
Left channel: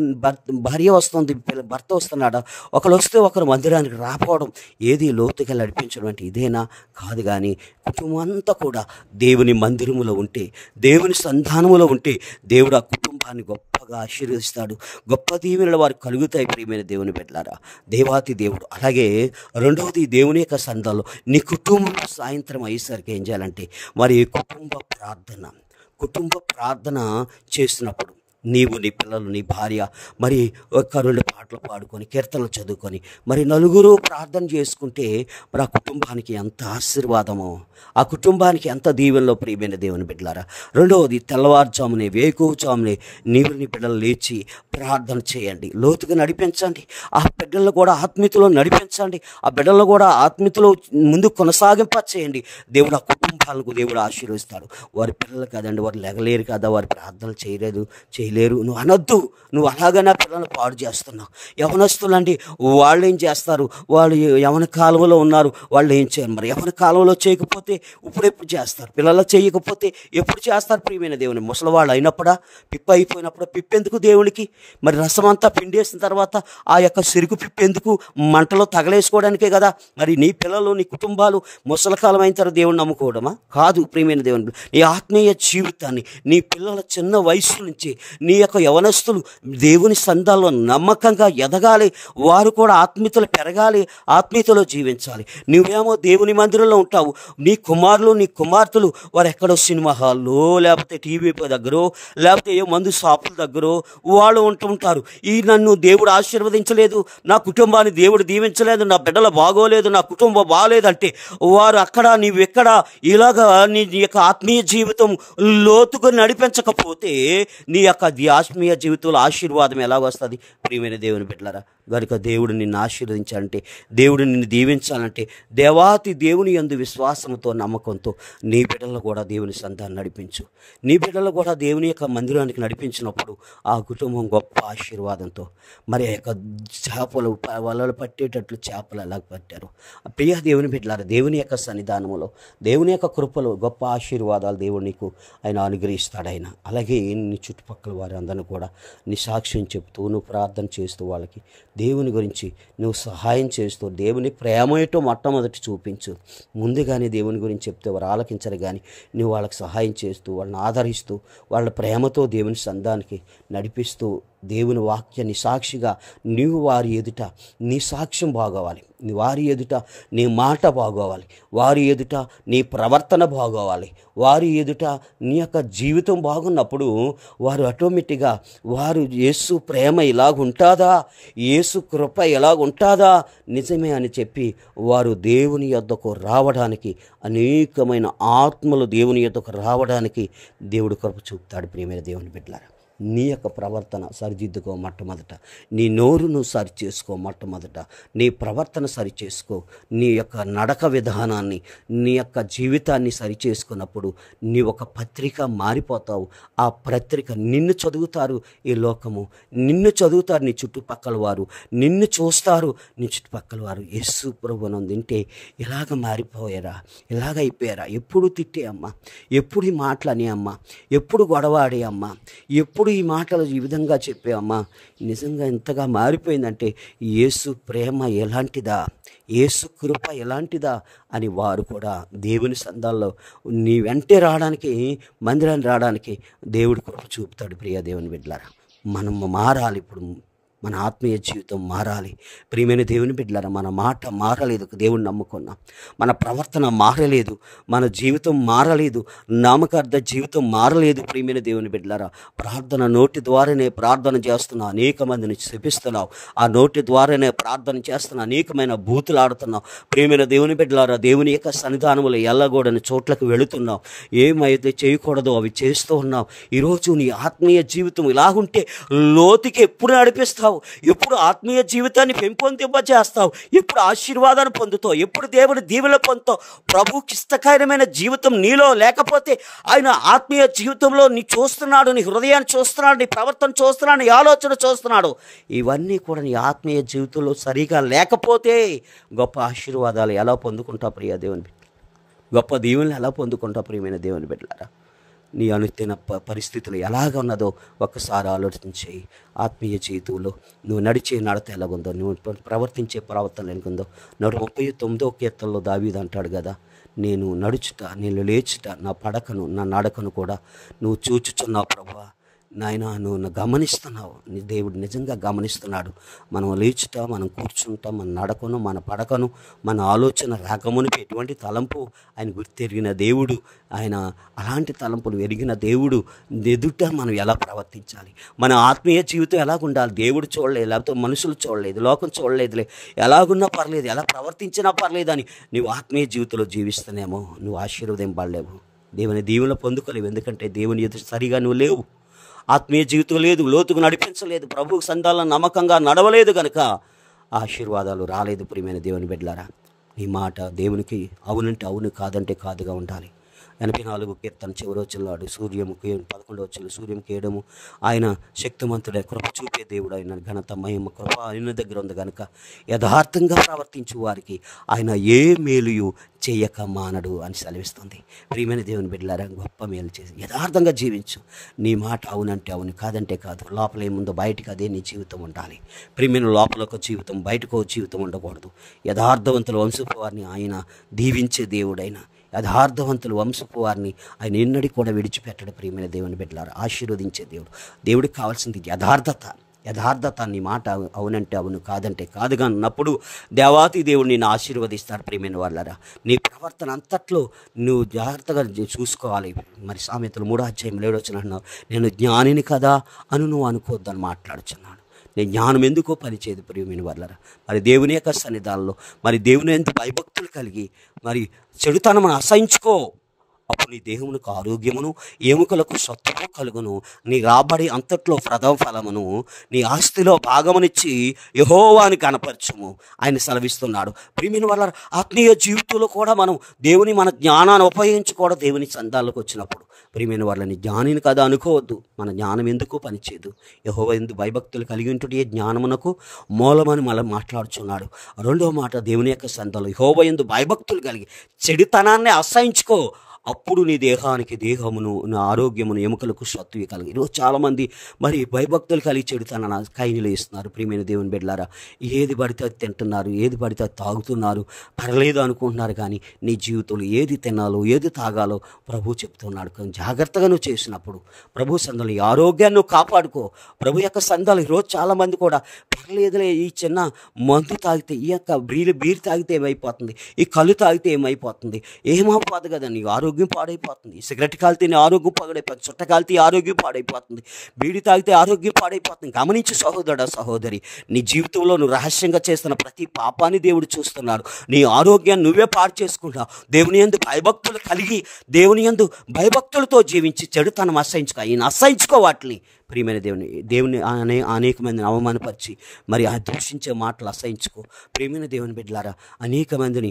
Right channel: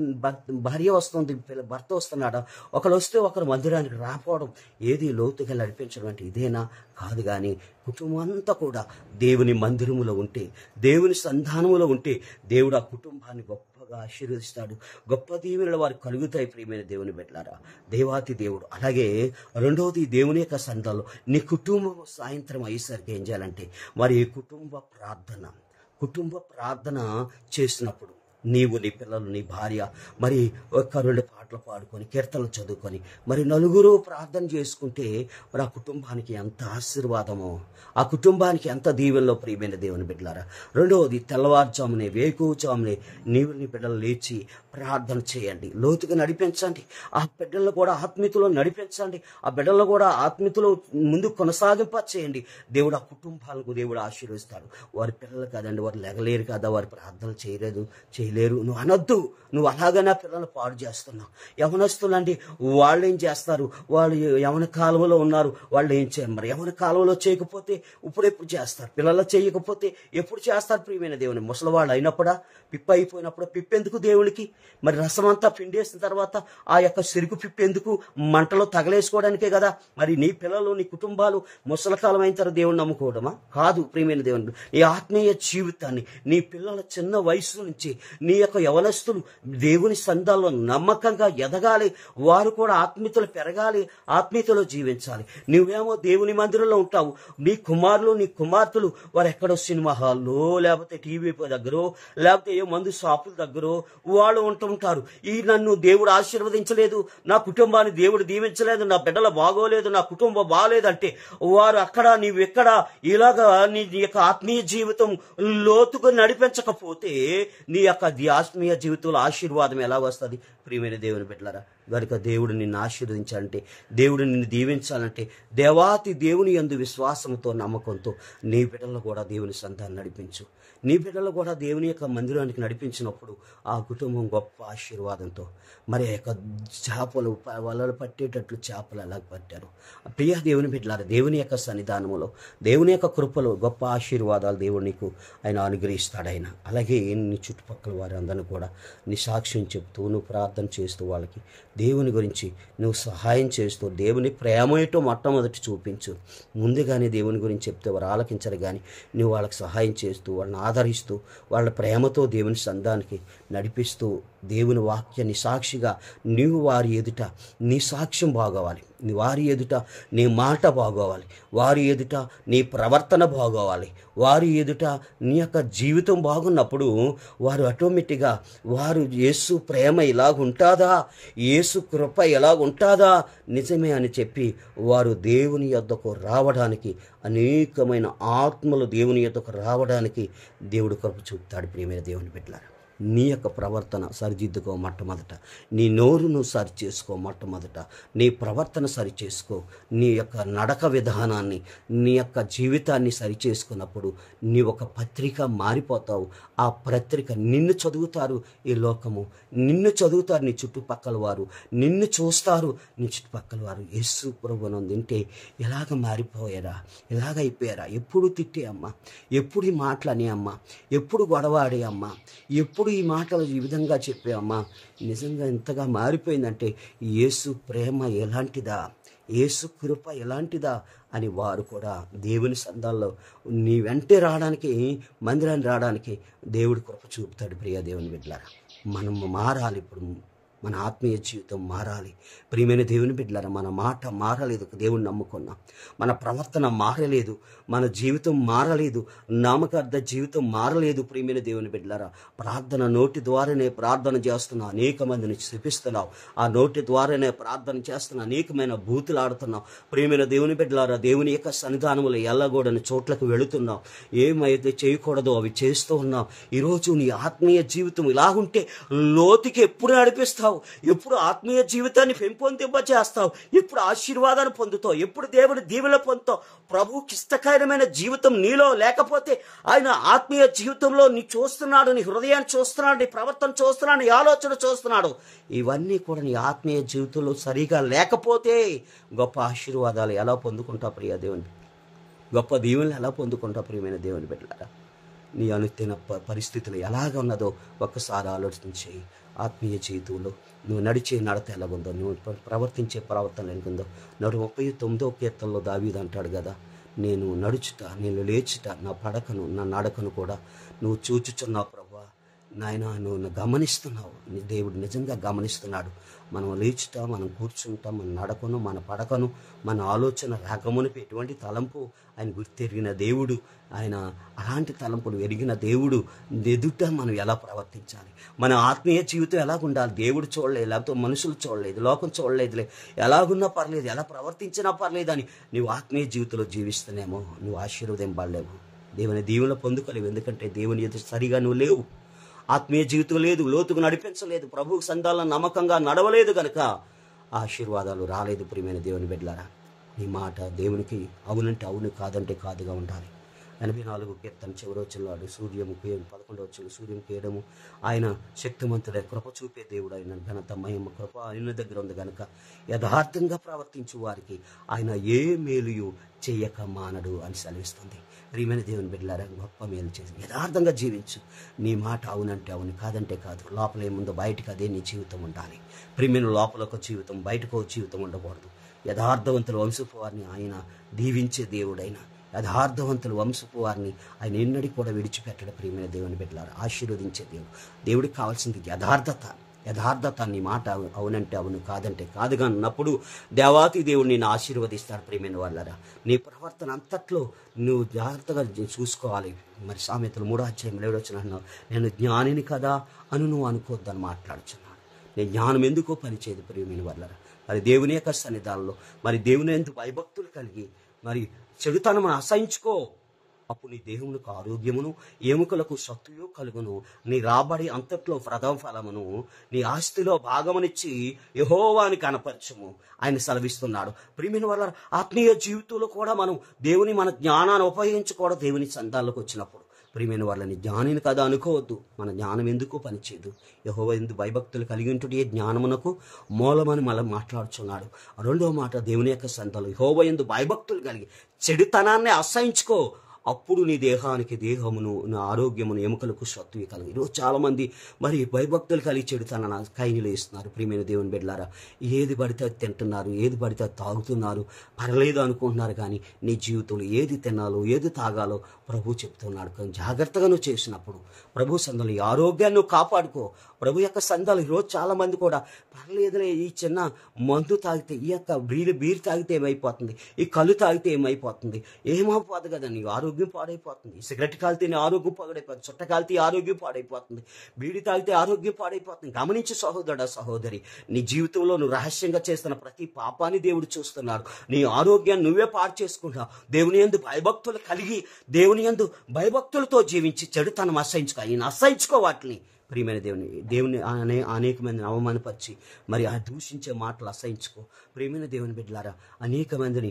భార్య వస్తుంది, భర్త వస్తున్నాడా? ఒకరు వస్తే ఒకరు మందిరానికి రాకపోవడం ఏది లోతుగా నడిపించడం అంటే ఇదేనా? కాదు. కానీ కుటుంబం అంతా కూడా దేవుని మందిరములో ఉంటే, దేవుని సంధానములో ఉంటే దేవుడు ఆ కుటుంబాన్ని గొప్పగా ఆశీర్వదిస్తాడు. గొప్ప దీవెనలు వారికి కలుగుతాయి. ప్రియమైన దేవుని బిడ్డలారా, దేవాతి దేవుడు. అలాగే రెండవది, దేవుని యొక్క సంఘంలో నీ కుటుంబం సాయంత్రం అయ్యేసరికి ఏం చేయాలంటే మరి కుటుంబ ప్రార్థన చేసినప్పుడు నీవు, నీ పిల్లలు, నీ భార్య మరి ఒక 2 పాటలు పాడుకొని కీర్తనలు చదువుకొని మరి నలుగురు ప్రార్థన చేసుకుంటే మరి ఆ కుటుంబానికి ఎంత ఆశీర్వాదమో, ఆ కుటుంబానికి ఎంత దీవెనలో. ప్రియమైన దేవుని బిడ్డలారా, రెండవది, తెల్లవారుజామునే వేకువజామునే నీవు నీ బిడ్డలు లేచి ప్రార్థన చేయండి, లోతుగా నడిపించండి. ఆ బిడ్డలను కూడా ఆత్మీయతలో నడిపించండి, ఆ బిడ్డలను కూడా ఆత్మీయతలో ముందు కొనసాగింప చేయండి. దేవుడు ఆ కుటుంబాలకు దేవుడు ఆశీర్వదిస్తాడు. వారి పిల్లలు కాదండి, వారు లెగలేరు కదా, వారి ప్రార్థనలు చేయలేరు నువ్వు అనొద్దు. నువ్వు అలాగే నా పిల్లలను పాడు చేస్తున్నావు. యవనస్తులండి, వాళ్ళు ఏం చేస్తారు? వాళ్ళు యవన కాలంలో ఉన్నారు, వాళ్ళు ఏం చేయరు. మరి యవన కాలంలో చేయకపోతే ఎప్పుడు చేస్తారు? పిల్లలు చేయకపోతే ఎప్పుడు చేస్తారు? ప్రియమైన దేవుని ముసలివాళ్ళు అయినప్పుడా, పిప్ప అయిపోయినప్పుడు పిప్పెందుకు దేవునికి? మరి రసమంతా పిండేసిన తర్వాత ఆ యొక్క సిరుకు పిప్పెందుకు? మంటలో తగలేసుకోవడానికే కదా. మరి నీ పిల్లలు, నీ కుటుంబాలు ముసలికాలం అయిన తర్వాత దేవుని నమ్ముకోవడమా? కాదు. ప్రియమైన దేవుని, నీ ఆత్మీయ జీవితాన్ని నీ పిల్లల చిన్న వయసు నుంచి నీ యొక్క యవనస్తులు దేవుని సంఘాల్లో నమ్మకంగా ఎదగాలి. వారు కూడా ఆత్మీయతలు పెరగాలి, ఆత్మీయతలో జీవించాలి. నువ్వేమో దేవుని మందిరంలో ఉంటావు, నీ కుమారులు, నీ కుమార్తెలు వారు ఎక్కడో సినిమా హాల్లో, లేకపోతే టీవీ దగ్గర, లేకపోతే ఏ మందు షాపుల దగ్గర వాళ్ళు ఉంటుంటారు. ఈ నన్ను దేవుడు ఆశీర్వదించలేదు, నా కుటుంబాన్ని దేవుడు దీవించలేదు, నా బిడ్డలు బాగోలేదు, నా కుటుంబం బాగోలేదంటే వారు అక్కడ, నీవు ఎక్కడ ఇలాగా నీ యొక్క ఆత్మీయ జీవితం లోతుగా నడిపించకపోతే నీ యొక్క ఆత్మీయ జీవితంలో ఆశీర్వాదం ఎలా వస్తుంది? ప్రియమైన దేవుని బిడ్డలారా, కనుక దేవుడు నిన్ను ఆశీర్వదించాలంటే, దేవుడు నిన్ను దీవించాలంటే దేవాతి దేవుని యందు విశ్వాసంతో, నమ్మకంతో నీ బిడ్డలను కూడా దేవుని సంతాన్ని నడిపించు. నీ బిడ్డలు కూడా దేవుని యొక్క మందిరానికి నడిపించినప్పుడు ఆ కుటుంబం గొప్ప ఆశీర్వాదంతో మరి యొక్క చేపలు వలలు పట్టేటట్లు చేపలు ఎలా పట్టారు. ప్రియ దేవుని బిడ్డలారా, దేవుని యొక్క సన్నిధానంలో, దేవుని యొక్క కృపలో గొప్ప ఆశీర్వాదాలు దేవుడు నీకు ఆయన అనుగ్రహిస్తాడు. ఆయన అలాగే నీ చుట్టుపక్కల వారి అందరిని కూడా నీ సాక్ష్యం చెప్తూ, నువ్వు ప్రార్థన చేస్తూ, వాళ్ళకి దేవుని గురించి నువ్వు సహాయం చేస్తూ, దేవుని ప్రేమ ఏంటో మొట్టమొదటి చూపించు. ముందుగానే దేవుని గురించి చెప్తే వారు ఆలకించరు, కానీ నువ్వు వాళ్ళకి సహాయం చేస్తూ, వాళ్ళని ఆదరిస్తూ, వాళ్ళ ప్రేమతో దేవుని సంఘానికి నడిపిస్తూ, దేవుని వాక్యాన్ని సాక్షిగా నీవు వారి ఎదుట నీ సాక్ష్యం బాగోవాలి, వారి ఎదుట నీ మాట బాగోవాలి, వారి ఎదుట నీ ప్రవర్తన బాగోవాలి, వారి ఎదుట నీ యొక్క జీవితం బాగున్నప్పుడు వారు ఆటోమేటిక్గా వారు యేసు ప్రేమ ఇలాగుంటుందా, యేసు కృప ఎలాగుంటుందా, నిజమే అని చెప్పి వారు దేవుని యొద్దకు రావడానికి, అనేకమైన ఆత్మలు దేవుని యొద్దకు రావడానికి దేవుడు కృప చూపుతాడు. ప్రియమైన దేవుని బిడ్డలారా, నీ యొక్క ప్రవర్తన సరిదిద్దుకో మొట్టమొదట, నీ నోరును సరి చేసుకో మొట్టమొదట, నీ ప్రవర్తన సరి చేసుకో, నీ యొక్క నడక విధానాన్ని, నీ యొక్క జీవితాన్ని సరి చేసుకున్నప్పుడు నీ ఒక పత్రిక మారిపోతావు. ఆ పత్రిక నిన్ను చదువుతారు, ఈ లోకము నిన్ను చదువుతారు, నీ చుట్టుపక్కల వారు నిన్ను చూస్తారు, నీ చుట్టుపక్కల వారు యేసు ప్రభువును వింటే ఎలాగ మారిపోయారా, ఎలాగ అయిపోయారా, ఎప్పుడు తిట్టే అమ్మ, ఎప్పుడు ఈ మాటలని అమ్మ, ఎప్పుడు గొడవాడే అమ్మ, ఎప్పుడు ఈ మాటలు ఈ విధంగా చెప్పే అమ్మ, నిజంగా ఎంతగా మారిపోయిందంటే యేసు ప్రేమ ఎలాంటిదా, యేసు కృప ఎలాంటిదా అని వారు కూడా దేవుని సంఘాల్లో నీ వెంటే రావడానికి, మందిరాన్ని రావడానికి దేవుడు కృప చూపుతాడు. ప్రియ దేవుని బిడ్డలారా, మనం మారాలి. ఇప్పుడు మన ఆత్మీయ జీవితం మారాలి. ప్రియమైన దేవుని బిడ్డలారా, మన మాట మారలేదు, దేవుని నమ్ముకున్నాం. మన ప్రవర్తన మారలేదు, మన జీవితం మారలేదు, నామకార్థ జీవితం మారలేదు. ప్రియమైన దేవుని బిడ్డలారా, ప్రార్థన నోటి ద్వారానే ప్రార్థన చేస్తున్నావు, అనేక మందిని శపిస్తున్నావు. ఆ నోటి ద్వారానే ప్రార్థన చేస్తున్నా, అనేకమైన బూతులు ఆడుతున్నావు. ప్రియమైన దేవుని బిడ్డలారా, దేవుని యొక్క సన్నిధానములు ఎల్లగూడని చోట్లకు వెళుతున్నావు. ఏమైతే చేయకూడదో అవి చేస్తూ ఉన్నావు. ఈరోజు నీ ఆత్మీయ జీవితం ఇలాగుంటే లోతుకి ఎప్పుడు నడిపిస్తావు? ఎప్పుడు ఆత్మీయ జీవితాన్ని పెంపొందింపజేస్తావు? ఎప్పుడు ఆశీర్వాదాన్ని పొందుతావు? ఎప్పుడు దేవుని దీవెనలు పొందుతావు? ప్రభువుకి ఇష్టకరమైన జీవితం నీలో లేకపోతే ఆయన ఆత్మీయ జీవితంలో నీ చూస్తున్నాడు, నీ హృదయాన్ని చూస్తున్నాడు, నీ ప్రవర్తన చూస్తున్నాడు, నీ ఆలోచన చూస్తున్నాడు. ఇవన్నీ కూడా నీ ఆత్మీయ జీవితంలో సరిగా లేకపోతే గొప్ప ఆశీర్వాదాలు ఎలా పొందుకుంటావు ప్రియ దేవుని? గొప్ప దీవెనలు ఎలా పొందుకుంటావు ప్రియమైన దేవుని బిడ్డలారా? నీ అనుదిన పరిస్థితులు ఎలాగ ఉన్నదో ఒక్కసారి ఆలోచించి, ఆత్మీయ జీవితంలో నువ్వు నడిచే నడత ఎలాగుందో, నువ్వు ప్రవర్తించే ప్రవర్తన ఎలాగుందో. 139వ కీర్తనలో దావీదు అంటాడు కదా, నేను నడుచుట, నేను లేచుట, నా పడకను, నా నడకను కూడా నువ్వు చూచుచున్నావు ప్రభువా. నాయన, నువ్వు గమనిస్తున్నావు. దేవుడు నిజంగా గమనిస్తున్నాడు. మనం లేచుట, మనం కూర్చుంటాం, మన నడకను, మన పడకను, మన ఆలోచన రాకమునిపై ఎటువంటి తలంపు ఆయన గుర్తెరిగిన దేవుడు. ఆయన అలాంటి తలంపులు ఎరిగిన దేవుడు ఎదుట మనం ఎలా ప్రవర్తించాలి, మన ఆత్మీయ జీవితం ఎలాగుండాలి దేవుడు చూడలేదు, లేకపోతే మనుషులు చూడలేదు, లోకం చూడలేదులే, ఎలాగున్నా పర్లేదు, ఎలా ప్రవర్తించినా పర్లేదు అని నువ్వు ఆత్మీయ జీవితంలో జీవిస్తున్నామో నువ్వు ఆశీర్వదింపడలేవు, దేవుని దీవెనలు పొందుకోలేవు. ఎందుకంటే దేవుని ఎదుట సరిగా నువ్వు లేవు, ఆత్మీయ జీవితం లేదు, లోతుకు నడిపించలేదు, ప్రభువు సంధాలను నమ్మకంగా నడవలేదు కనుక ఆశీర్వాదాలు రాలేదు. ప్రియమైన దేవుని బిడ్డలారా, నీ మాట దేవునికి అవునంటే అవును, కాదంటే కాదుగా ఉండాలి. 84 కీర్తన చివరి వచ్చినాడు, సూర్యము 11 వచ్చిన సూర్యం కేయడము, ఆయన శక్తిమంతుడే, కృప చూపే దేవుడు, ఆయన ఘనత మహిమ కృప ఆయన దగ్గర ఉంది కనుక యథార్థంగా ప్రవర్తించు వారికి ఆయన ఏ మేలుయు చేయక మానడు అని సెలవిస్తుంది. ప్రియమైన దేవుని బిడ్డలారా, గొప్ప మేలు చేసి యథార్థంగా జీవించు. నీ మాట అవునంటే అవును, కాదంటే కాదు. లోపల ఏముందో బయటకు అదే నీ జీవితం ఉండాలి. ప్రియమైన లోపల ఒక జీవితం, బయటకు ఒక జీవితం ఉండకూడదు. యథార్థవంతుల వంశపు వారిని ఆయన దీవించే దేవుడైన యథార్థవంతులు వంశపు వారిని ఆయన ఎన్నడూ కూడా విడిచిపెట్టడు. ప్రియమైన దేవుని బిడ్డలారా, ఆశీర్వదించే దేవుడు. దేవుడికి కావాల్సింది యథార్థత. యథార్థత, నీ మాట అవునంటే అవును, కాదంటే కాదుగా ఉన్నప్పుడు దేవాతి దేవుడు నిన్ను ఆశీర్వదిస్తాడు. ప్రియమైన వాళ్ళారా, నీ ప్రవర్తన అంతట్లో నువ్వు జాగ్రత్తగా చూసుకోవాలి. మరి సామెతలు 3:7 నేను జ్ఞానిని కదా అని నువ్వు అనుకోవద్దని మాట్లాడుచున్నాడు. నేను జ్ఞానం ఎందుకో పనిచేయదు. ప్రియమైన వాళ్ళారా, మరి దేవుని యొక్క సన్నిధానంలో మరి దేవుని ఎంత భయభక్తులు కలిగి మరి చెడుతనమును అసహించుకో. అప్పుడు నీ దేహమునకు ఆరోగ్యమును, ఎముకలకు సత్వము కలుగును. నీ రాబడి అంతట్లో ప్రథమ ఫలమును, నీ ఆస్తిలో భాగమునిచ్చి యెహోవాని కనపరచుము ఆయన సెలవిస్తున్నాడు. ప్రియమైన వాళ్ళ ఆత్మీయ జీవితంలో కూడా మనం దేవుని మన జ్ఞానాన్ని ఉపయోగించుకోవడం. దేవుని సంతాలకు వచ్చినప్పుడు ప్రియమైన వాళ్ళని జ్ఞానిని కదా అనుకోవద్దు. మన జ్ఞానం ఎందుకు పనిచేయదు. యెహోవా యందు భయభక్తులు కలిగి ఉంటే జ్ఞానమునకు మూలమని మళ్ళీ మాట్లాడుచున్నాడు. రెండో మాట, దేవుని యొక్క సంతానం యెహోవా యందు భయభక్తులు కలిగి చెడుతనాన్ని అసహించుకో. అప్పుడు నీ దేహానికి దేహమును, నా ఆరోగ్యమును, ఎముకలకు సత్తువి కలిగి. ఈరోజు చాలామంది మరి భయభక్తులు కలిగి చెడుతానని కైనీలు వేస్తున్నారు. ప్రియమైన దేవుని బిడ్డలారా, ఏది పడితే అది తింటున్నారు, ఏది పడితే అది తాగుతున్నారు, పర్లేదు అనుకుంటున్నారు. కానీ నీ జీవితంలో ఏది తినాలో, ఏది తాగాలో ప్రభు చెప్తున్నాడు. కానీ జాగ్రత్తగా నువ్వు చేసినప్పుడు ప్రభు సందాలు ఈ ఆరోగ్యాన్ని నువ్వు కాపాడుకో. ప్రభు యొక్క సందాలు ఈరోజు చాలామంది కూడా పర్లేదులే, ఈ చిన్న మందు తాగితే, ఈ యొక్క బీరు తాగితే ఏమైపోతుంది, ఈ కళ్ళు తాగితే ఏమైపోతుంది, ఏమైపోదు కదా, నీ ఆరోగ్యం పాడైపోతుంది. సిగరెట్ కాలితే నీ ఆరోగ్యం పాడైపోతుంది, చుట్ట కాలితే ఆరోగ్యం పాడైపోతుంది, బీడి తాగితే ఆరోగ్యం పాడైపోతుంది. గమనించి సహోదరుడా, సహోదరి, నీ జీవితంలో నువ్వు రహస్యంగా చేస్తున్న ప్రతి పాపాన్ని దేవుడు చూస్తున్నాడు. నీ ఆరోగ్యాన్ని నువ్వే పాడు చేసుకుంటావు. దేవుని యందు భయభక్తులు కలిగి దేవుని యందు భయభక్తులతో జీవించి చెడుతనం అసహించుకో. ఈయన అసహించుకో వాటిని. ప్రియమైన దేవుని అనేక మందిని అవమానపరిచి మరి ఆ దూషించే మాటలు అసహించుకో. ప్రియమైన దేవుని బిడ్డలారా, అనేక మందిని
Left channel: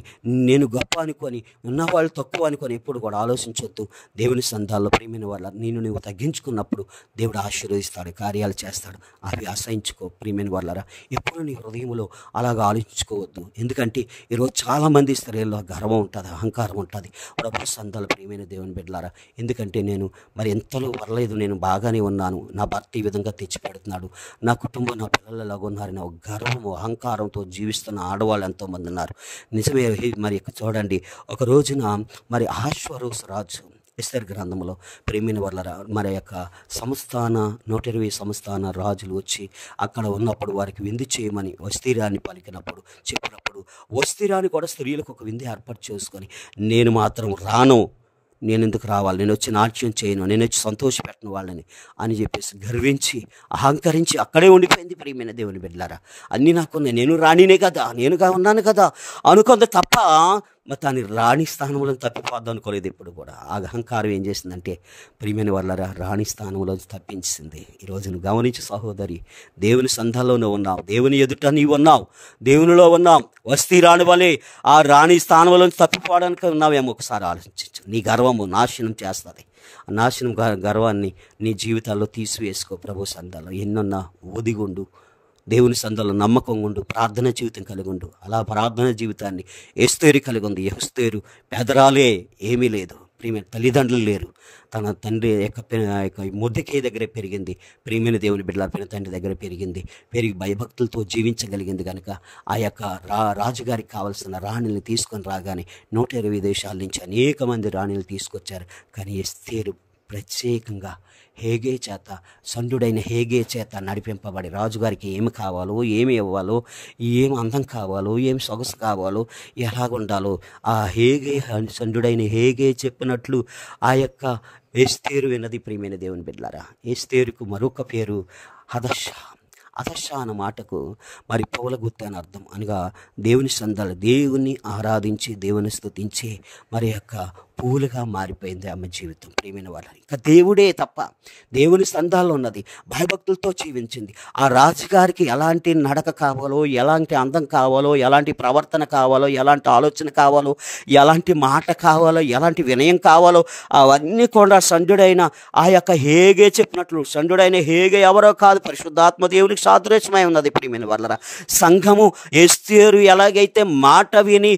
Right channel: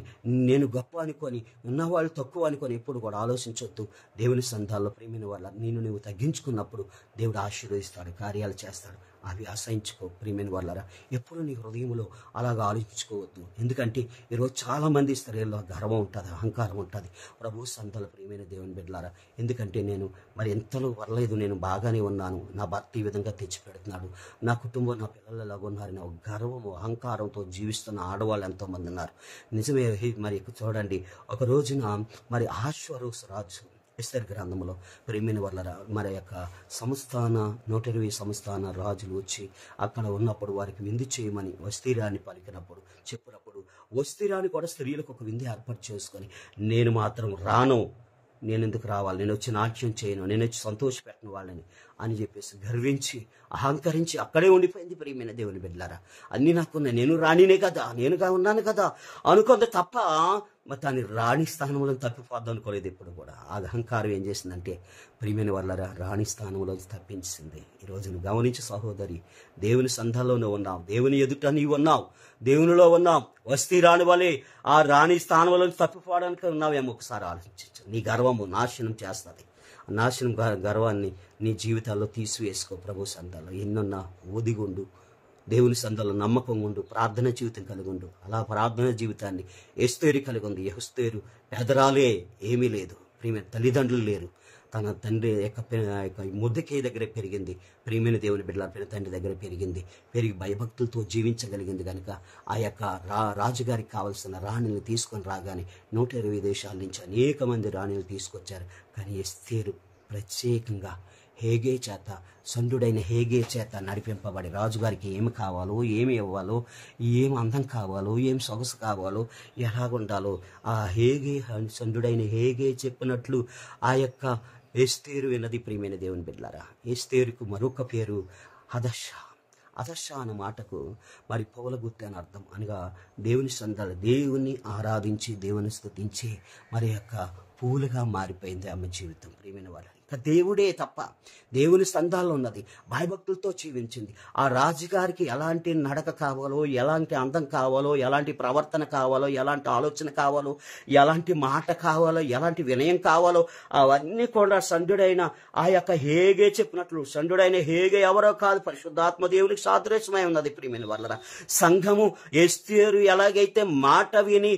నేను గొప్ప అనుకొని, ఉన్నవాళ్ళు తక్కువ అనుకొని ఎప్పుడు కూడా ఆలోచించొద్దు. దేవుని సంతాల్లో ప్రియమైన వాళ్ళ నువ్వు తగ్గించుకున్నప్పుడు దేవుడు ఆశీర్వదిస్తాడు, కార్యాలు చేస్తాడు. అవి అసహించుకో. ప్రియమైన వాళ్ళారా, ఎప్పుడు నీ హృదయంలో అలాగ ఆలోచించుకోవద్దు. ఎందుకంటే ఈరోజు చాలామంది స్త్రీల్లో గర్వం ఉంటుంది, అహంకారం ఉంటుంది. ప్రభు సంతాలు ప్రియమైన దేవుని బిడ్డలారా, ఎందుకంటే నేను మరి ఎంతలో పర్లేదు, నేను బాగానే ఉన్నాను, నా భర్త ఈ విధంగా తెచ్చిపెడుతున్నాడు, నా కుటుంబం నా పిల్లలు ఎలాగ ఉన్నారని ఒక గర్వము, అహంకారంతో జీవిస్తున్న ఆడవాళ్ళు ఎంతోమంది ఉన్నారు. నిజమే. మరి చూడండి, ఒక రోజున మరి అహష్వేరోషు రాజు ఎస్తేరు గ్రంథంలో ప్రేమిన వల్ల మరి యొక్క సంస్థాన 120 సంస్థాన రాజులు వచ్చి అక్కడ ఉన్నప్పుడు వారికి విందు చేయమని వస్తీరాన్ని పలికినప్పుడు చెప్పినప్పుడు వస్తీరాన్ని కూడా స్త్రీలకు ఒక విందు ఏర్పాటు చేసుకొని నేను మాత్రం రాను, నేను ఎందుకు రావాలి, నేను వచ్చి నాట్యం చేయను, నేను వచ్చి సంతోషపెట్టను వాళ్ళని అని చెప్పేసి గర్వించి అహంకరించి అక్కడే ఉండిపోయింది. ప్రియమైన దేవుని బిడ్డలారా, అన్నీ నాకున్నాయి, నేను రాణినే కదా, నేనుగా ఉన్నాను కదా అనుకుంది తప్ప మరి దాని రాణి స్థానంలో తప్పిపోద్దాం అనుకోలేదు. ఇప్పుడు కూడా ఆ అహంకారం ఏం చేసిందంటే ప్రియమైన వాళ్ళరా రాణి స్థానంలో తప్పించింది. ఈరోజు నువ్వు గమనించి సహోదరి, దేవుని సంఘంలోనే ఉన్నావు, దేవుని ఎదుట నీవు ఉన్నావు, దేవునిలో ఉన్నావు. వస్తీ రాణి వలె ఆ రాణి స్థానంలో తప్పిపోవడానికి ఉన్నావేమో ఒకసారి ఆలోచించు. నీ గర్వము నాశనం చేస్తుంది. ఆ నాశనం గర్వాన్ని నీ జీవితాల్లో తీసివేసుకో. ప్రభు సంఘాల్లో ఎన్నున్నా ఒదిగుండు, దేవుని సందులో నమ్మకం ఉండు, ప్రార్థన జీవితం కలిగి ఉండు. అలా ప్రార్థన జీవితాన్ని ఎస్తేరు కలిగి ఉంది. ఎస్తేరు పెదరాలే, ఏమీ లేదు, ప్రియమైన తల్లిదండ్రులు లేరు, తన తండ్రి యొక్క మొర్దెకై దగ్గరే పెరిగింది. ప్రియమైన దేవుని బిడ్డల తండ్రి దగ్గర పెరిగి భయభక్తులతో జీవించగలిగింది కనుక ఆ యొక్క రాజుగారికి కావాల్సిన రాణిని తీసుకొని రాగానే 120 దేశాల నుంచి అనేక మంది రాణిలు తీసుకొచ్చారు. కానీ ఎస్తేరు ప్రత్యేకంగా హేగే చేత, సండుడైన హేగే చేత నడిపింపబడి రాజుగారికి ఏమి కావాలో, ఏమి ఇవ్వాలో, ఏమి అందం కావాలో, ఏమి సొగసు కావాలో, ఎలాగుండాలో ఆ హేగే సండుడైన హేగే చెప్పినట్లు ఆ యొక్క ఎస్తేరు విన్నది. ప్రియమైన దేవుని బిడ్డలారా, ఎస్తేరుకు మరొక పేరు హదష. హదష అన్న మాటకు మరి పౌలగుత్తి అని అర్థం. అనగా దేవుని సందాలు, దేవుని ఆరాధించి దేవుని స్తుతించి మరి యొక్క పూలుగా మారిపోయింది ఆమె జీవితం. ప్రియమైన వాళ్ళ ఇంకా దేవుడే తప్ప దేవుని సంఘాల్లో ఉన్నది, భయభక్తులతో జీవించింది. ఆ రాజుగారికి ఎలాంటి నడక కావాలో, ఎలాంటి అందం కావాలో, ఎలాంటి ప్రవర్తన కావాలో, ఎలాంటి ఆలోచన కావాలో, ఎలాంటి మాట కావాలో, ఎలాంటి వినయం కావాలో అవన్నీ కూడా సండుడైన ఆ యొక్క హేగే చెప్పినట్లు. సండుడైన హేగే ఎవరో కాదు, పరిశుద్ధాత్మ దేవునికి సాదృశ్యమై ఉన్నది. ప్రియమైన వాళ్ళరా, సంఘము ఎస్తేరు ఎలాగైతే మాట విని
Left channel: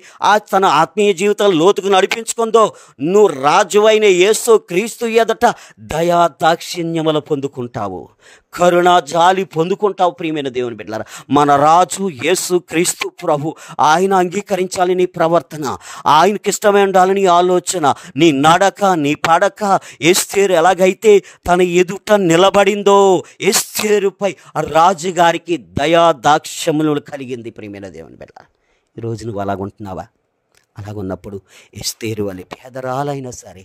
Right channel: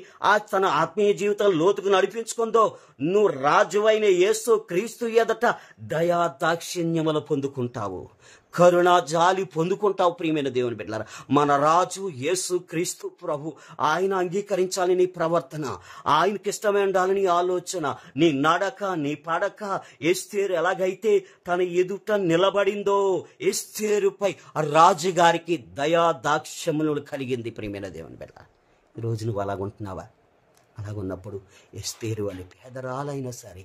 తన ఆత్మీయ జీవితం లోతుకు నడిపించుకుందో, నువ్వు రాజువైన యేసు క్రీస్తు ఎదుట దయా దాక్షిణ్యములు పొందుకుంటావు, కరుణ జాలి పొందుకుంటావు. ప్రియమైన దేవుని బిడ్డలారా, మన రాజు యేసు క్రీస్తు ప్రభు, ఆయన అంగీకరించాలి నీ ప్రవర్తన, ఆయనకి ఇష్టమై ఉండాలి నీ ఆలోచన, నీ నడక, నీ పడక. ఎస్తేరు ఎలాగైతే తన ఎదుట నిలబడిందో, ఎస్తేరుపై రాజుగారికి దయా దాక్షమ్యములు కలిగింది. ప్రియమైన దేవుని బిడ్డ, ఈరోజు నువ్వు అలాగుంటున్నావా? అలాగున్నప్పుడు ఎస్తేరు వలె పేదరాలైనా సరే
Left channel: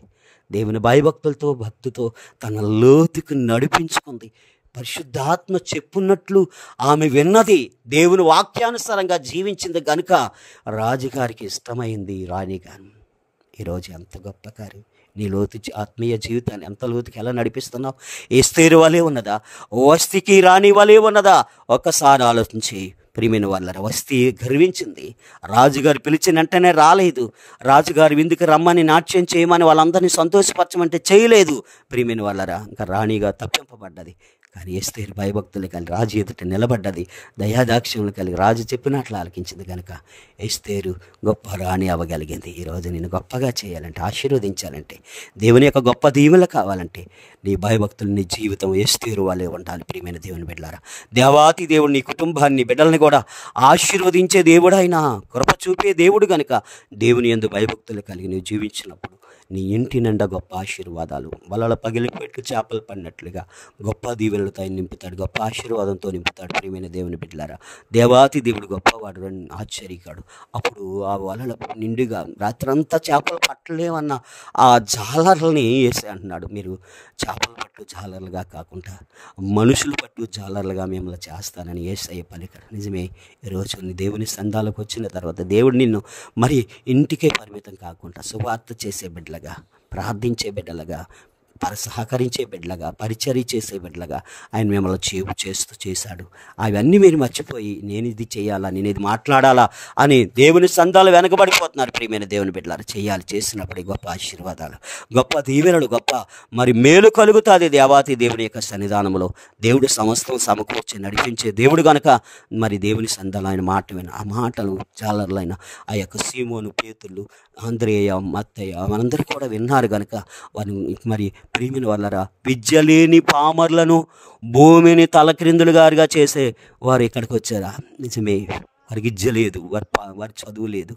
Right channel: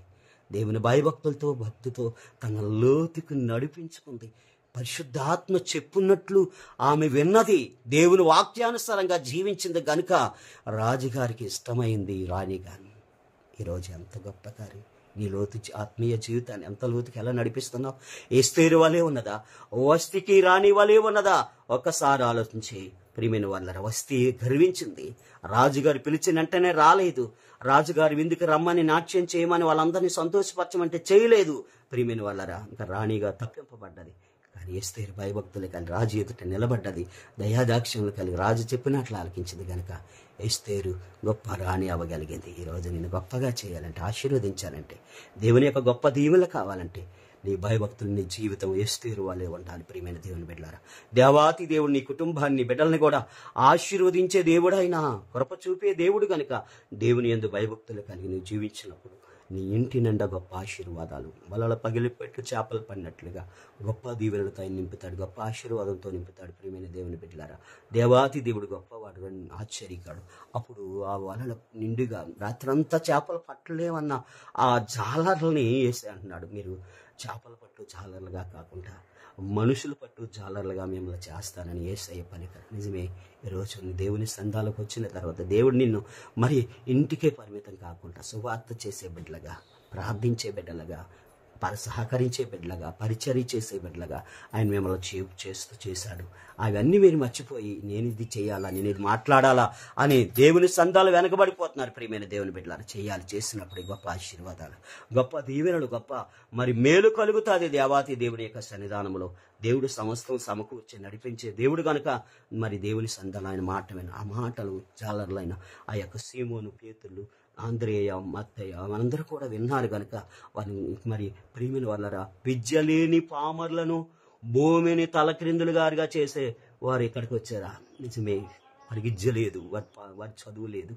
దేవుని భయభక్తులతో భక్తితో తన లోతుకు నడిపించుకుంది. పరిశుద్ధాత్మ చెప్పున్నట్లు ఆమె విన్నది, దేవుని వాక్యానుసారంగా జీవించింది కనుక రాజుగారికి ఇష్టమైంది రాణిగాను. ఈరోజు ఎంత గొప్ప కార్యం! నీ లోతు ఆత్మీయ జీవితాన్ని ఎంత లోతుకి ఎలా నడిపిస్తున్నావు? ఎస్తేరు వలె ఉన్నదా? వస్తీకి రాణి వలె ఉన్నదా? ఒక్కసారి ఆలోచించి. ప్రియమైన వాళ్ళరా, వస్తీ గర్వించింది. రాజుగారు పిలిచిన వెంటనే రాలేదు. రాజుగారు విందుకు రమ్మని నాట్యం చేయమని వాళ్ళందరినీ సంతోషపరచమంటే చేయలేదు. ప్రియమైన వాళ్ళరా, ఇంకా రాణిగా తప్పింపబడ్డది. కానీ ఎస్తేరు భయభక్తులు కలిగి రాజు ఎదుట నిలబడ్డది, దయాదాక్ష్యములు కలిగి రాజు చెప్పినట్లు ఆలకించింది కనుక ఎస్తేరు గొప్ప రాణి అవ్వగలిగింది. ఈరోజు నేను గొప్పగా చేయాలంటే, ఆశీర్వదించాలంటే, దేవుని యొక్క గొప్ప దీవెనలు కావాలంటే నీ భయభక్తులు, నీ జీవితం ఎస్తేరు వాళ్ళే ఉండాలి. ప్రియమైన దేవుని బిడ్డలారా, దేవాతి దేవుడు నీ కుటుంబాన్ని, బిడ్డల్ని కూడా ఆశీర్వదించే దేవుడు, ఆయన కృప చూపే దేవుడు కనుక దేవుని యందు భయభక్తులు కలిగి నువ్వు జీవించినప్పుడు నీ ఇంటి నిండా గొప్ప ఆశీర్వాదాలు, వలల పగిలిపెట్టు చేపలు పడినట్లుగా గొప్ప దీవెనలతో ఆయన నింపుతాడు, గొప్ప ఆశీర్వాదంతో నింపుతాడు. ప్రియమైన దేవుని బిడ్డలారా, దేవాతి దేవుడు గొప్పవాడు, ఆశ్చర్యకాడు. అప్పుడు ఆ వలల నిండుగా రాత్రంతా చేపలు పట్టలేమన్న ఆ జాలర్లని వేసి అంటున్నాడు, మీరు చేపలు పట్టు జాలర్లుగా కాకుండా మనుషులు పట్టు జాలర్లుగా మిమ్మల్ని చేస్తానని యేసయ్య పలికాడు. నిజమే, ఈరోజు నీ దేవుని సంఘాలకు వచ్చిన తర్వాత దేవుడు నిన్ను మరి ఇంటికే పరిమితం కాకుండా సువార్త చేసే బిడ్డలుగా, ప్రార్థించే బిడ్డలుగా, సహకరించే బిడ్డలుగా, పరిచర్య చేసే బిడ్డలుగా ఆయన మిమ్మల్ని చేశాడు. అవన్నీ మీరు మర్చిపోయి నేను ఇది చేయాలా, నేను ఇది మాట్లాడాలా అని దేవుని సంఘాలు వెనకబడిపోతున్నారు. ప్రియమైన దేవుని బిడ్డలారా, చేసినప్పుడు గొప్ప ఆశీర్వాదాలు, గొప్ప దీవెనలు, గొప్ప మరి మేలు కలుగుతుంది దేవాతి దేవుని యొక్క సన్నిధానంలో. దేవుడు సమస్తం సమకూర్చి నడిపించే దేవుడు కనుక మరి దేవుని సంఘాలు ఆయన మాట విన, ఆ మాటలు జాలర్లైన ఆ యొక్క సీమోను, పేతులు, ఆంద్రేయ, మత్తయ్య మనందరూ కూడా విన్నారు కనుక వారిని మరి ప్రియమైన వాళ్ళరా, విద్య లేని పామర్లను భూమిని తలక్రిందులుగారుగా చేసే వారు ఇక్కడికి వచ్చారా? నిజమే, వారికి విద్య లేదు, వారి చదువు లేదు,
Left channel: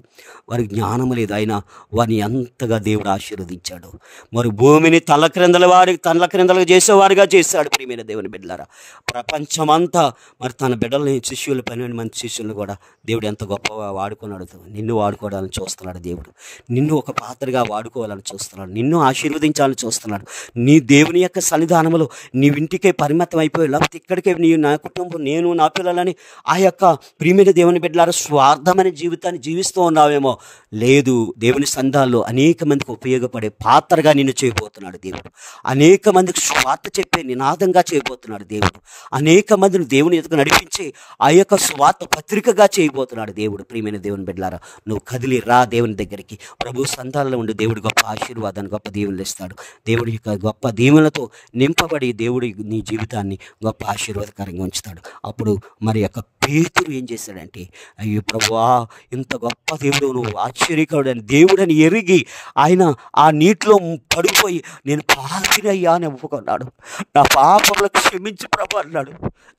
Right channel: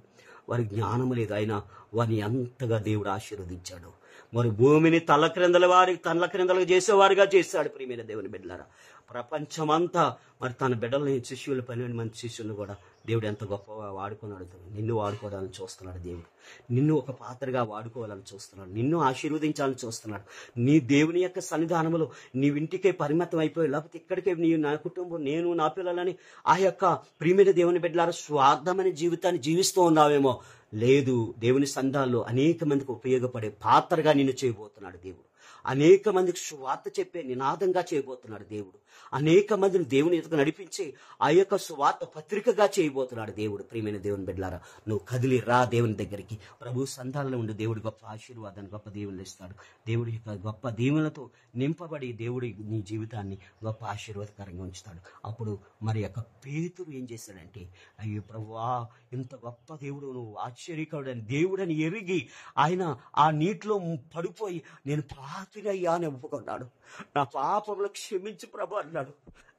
వారికి జ్ఞానం లేదు, అయినా వారిని ఎంతగా దేవుడు ఆశీర్వదించాడు. మరి భూమిని తలక్రిందలుగా చేసేవారుగా చేశాడు. ప్రియమైన దేవుని బిడ్డలారా, ప్రపంచమంతా మరి తన బిడ్డలని శిష్యులు 12 మంది శిష్యులను కూడా దేవుడు ఎంత గొప్పగా వాడుకున్నాడు. నిన్ను వాడుకోవడాలని చూస్తున్నాడు దేవుడు. నిన్ను ఒక పాత్రగా వాడుకోవాలని చూస్తున్నాడు. నిన్ను ఆశీర్వదించాలని చూస్తున్నాడు. నీ దేవుని యొక్క సన్నిధానంలో నీవింటికే పరిమితం అయిపోయి, లేకపోతే ఇక్కడికే నా కుటుంబం, నేను, నా పిల్లలని ఆ యొక్క ప్రియమైన దేవుని బిడ్డలారా స్వార్థమైన జీవితాన్ని జీవిస్తూ ఉన్నావేమో. లేదు, దేవుని సంఘాల్లో అనేక మందికి ఉపయోగపడే పాత్రగా నిన్ను చేయబోతున్నాడు దేవుడు. అనేక మందికి స్వార్థ చెప్పే నినాదంగా చేయబోతున్నాడు దేవుడు. అనేక మందిని దేవుని ఎదుగు నడిపించి ఆ యొక్క స్వార్థ పత్రికగా చేయబోతున్నాడు దేవుడు. ప్రియమైన దేవుని బిడ్డలారా, నువ్వు కదిలి రా దేవుని దగ్గరికి. ప్రభు సంఘాల్లో ఉండి దేవుడు గొప్ప ఆశీర్వాదాన్ని, గొప్ప దీవెనలు ఇస్తాడు. దేవుడి యొక్క గొప్ప దీవెనలతో నింపబడి దేవుడి నీ జీవితాన్ని గొప్ప ఆశీర్వాదకరంగా ఉంచుతాడు. అప్పుడు మరి యొక్క పేతురు ఏం చేశాడంటే, అయ్యో ప్రభువా, ఇంత గొప్ప దేవుడు, నువ్వు ఆశ్చర్యకరుడని దేవుడని ఎరిగి ఆయన ఆ నీటిలో పడిపోయి నేను పాపిని అయ్యా అని ఒప్పుకున్నాడు. నా పాపములకు క్షమించి ప్రభు అన్నాడు.